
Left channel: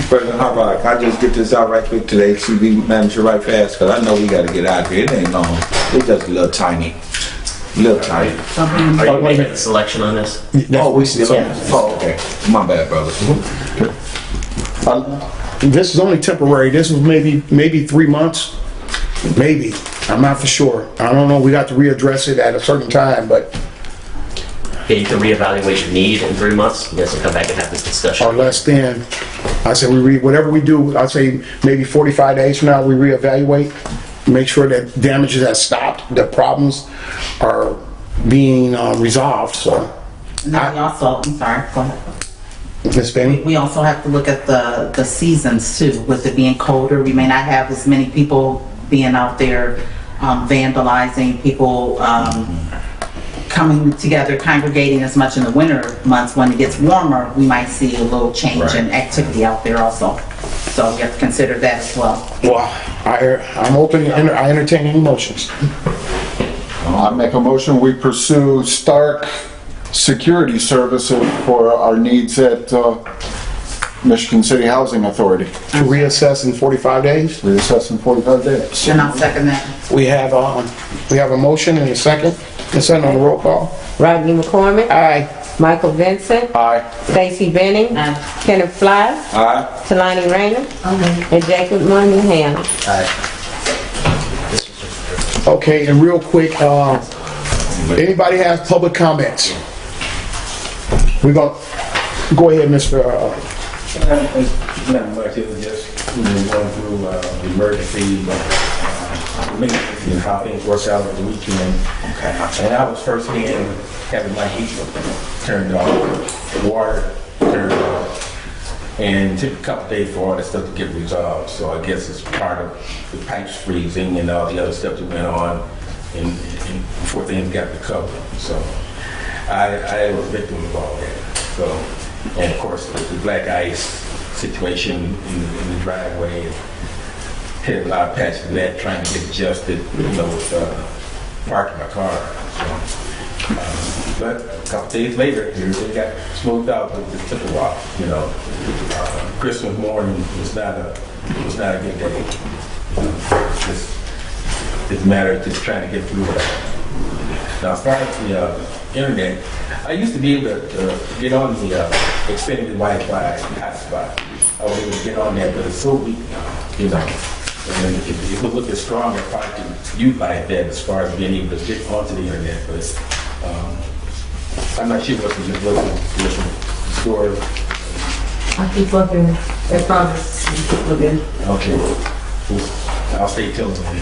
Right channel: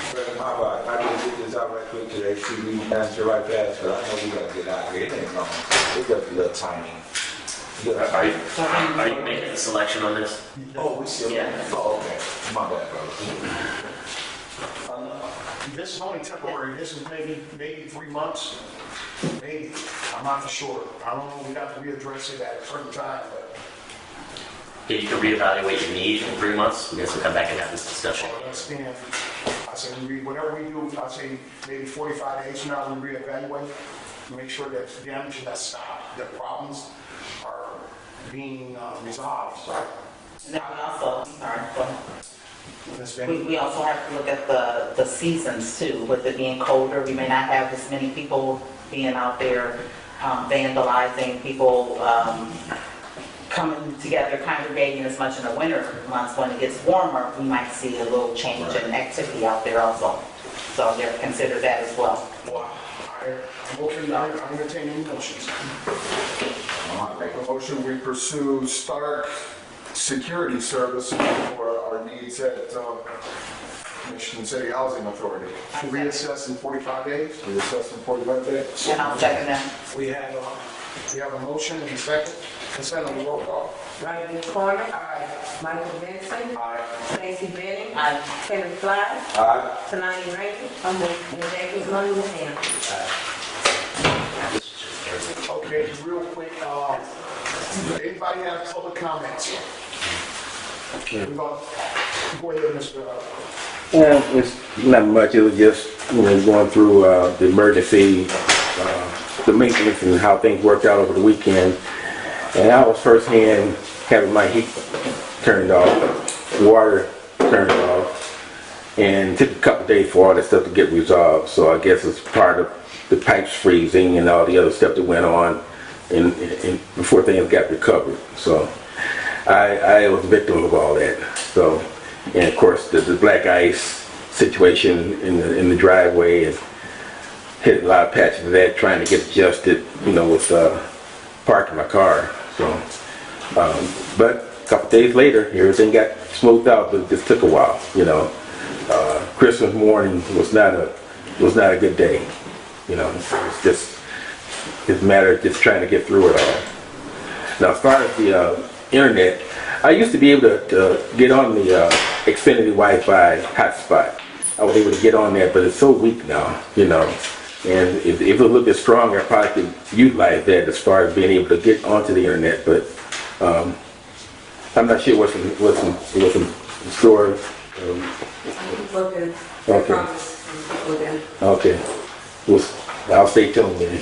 President Harbaugh, can I just get this out right quick to the HCV manager right fast? Because I know we got to get out of here. It ain't long. It's just a little tiny. Little tiny. Are you making a selection on this? Oh, we still Oh, okay. My bad, brother. This is only temporary, this was maybe 3 months, maybe, I'm not for sure. I don't know, we got to readdress it at a certain time, but, Yeah, you can reevaluate your need in 3 months. You guys will come back and have this discussion. or less than, I said whatever we do, I say maybe 45 days from now, we reevaluate, make sure that damages have stopped, that problems are being resolved, so. And then we also, I'm sorry, go ahead. Ms. Benny? We also have to look at the seasons too. With it being colder, we may not have as many people being out there vandalizing, people coming together, congregating as much in the winter months. When it gets warmer, we might see a little change in activity out there also. So you have to consider that as well. Well, I'm open, I entertain any motions. I make a motion, we pursue Stark Security Services for our needs at Michigan City Housing Authority. To reassess in 45 days? Reassess in 45 days. And I'll second that. We have a motion and a second. Consent on the roll call. Rodney McCormick. Aye. Michael Vincent. Aye. Stacy Benning. Aye. Kenneth Fly. Aye. Talani Rainer. And Jacob Monahan. Okay, and real quick, anybody have public comments? We're gonna, go ahead, Mr. It's not much, it was just, going through the emergency, the maintenance and how things worked out over the weekend. And I was firsthand having my heat turned off, water turned off, and it took a couple days for all that stuff to get resolved. So I guess it's part of the pipes freezing and all the other stuff that went on and before things got recovered. So I was a victim of all that. So, and of course, the black ice situation in the driveway, and hit a lot of patches of that trying to get adjusted, with parking my car. So, but a couple days later, everything got smoothed out, but it just took a while. Christmas morning was not a good day. Just a matter of just trying to get through it all. Now, as far as the internet, I used to be able to get on the Xfinity Wi-Fi hotspot. I was able to get on there, but it's so weak now, And if it was a little bit stronger, I probably could utilize that as far as being able to get onto the internet. But I'm not sure what's the story. I keep looking, I promise, keep looking. Okay, well, I'll stay tuned then.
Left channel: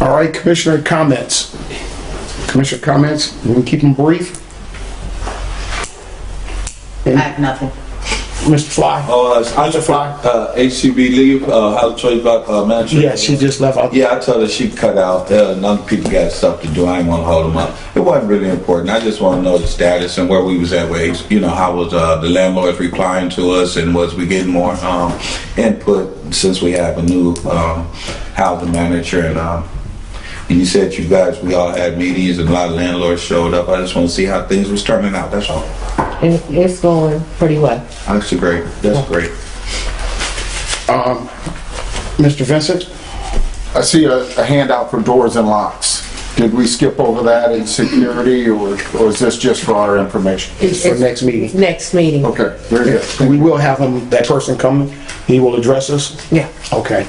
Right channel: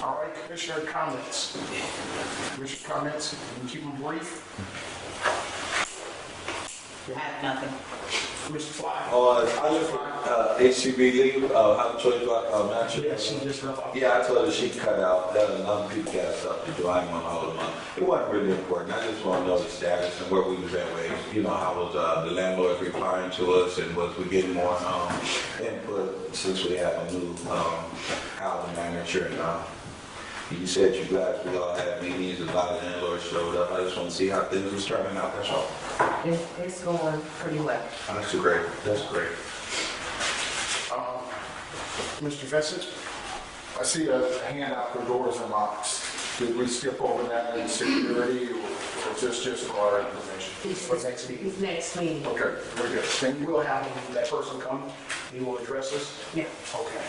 All right, Commissioner comments. Commissioner comments, we can keep them brief. I have nothing. Mr. Fly? I just HCB leave, I'll tell you about manager. Yes, she just left out. Yeah, I told her she cut out. None people got stuff to do. I ain't want to hold them up. It wasn't really important. I just want to know the status and where we was at. How was the landlords replying to us, and was we getting more input since we have a new housing manager? And you said we all had meetings and a lot of landlords showed up. I just want to see how things was turning out. That's all. It's going pretty well. That's great. That's great. Mr. Vincent? I see a handout for doors and locks. Did we skip over that in security, or is this just for our information? It's for next meeting. Next meeting. Okay, very good. We will have that person come. He will address us. Yeah. Okay.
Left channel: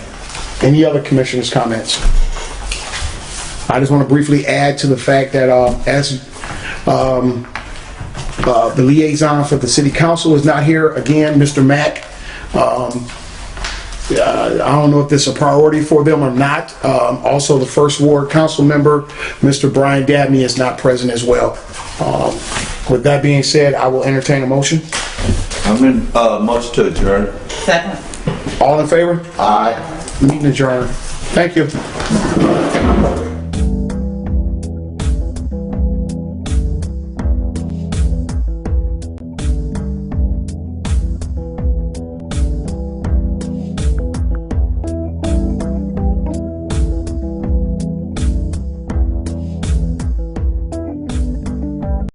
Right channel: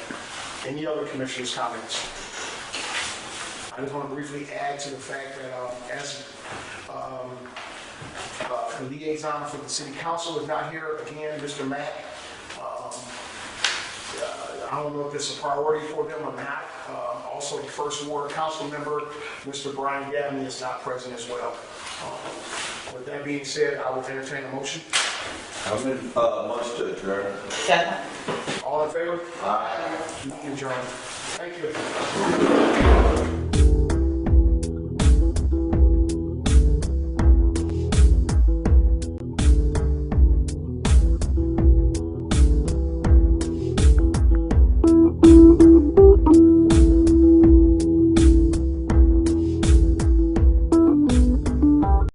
Any other commissioners' comments? I just want to briefly add to the fact that as the liaison for the city council is not here again, Mr. Mack. I don't know if this is a priority for them or not. Also, the first ward council member, Mr. Brian Dabney, is not present as well. With that being said, I will entertain a motion. I'm in motion to adjourn. Second. All in favor? Aye. Meeting adjourned. Thank you.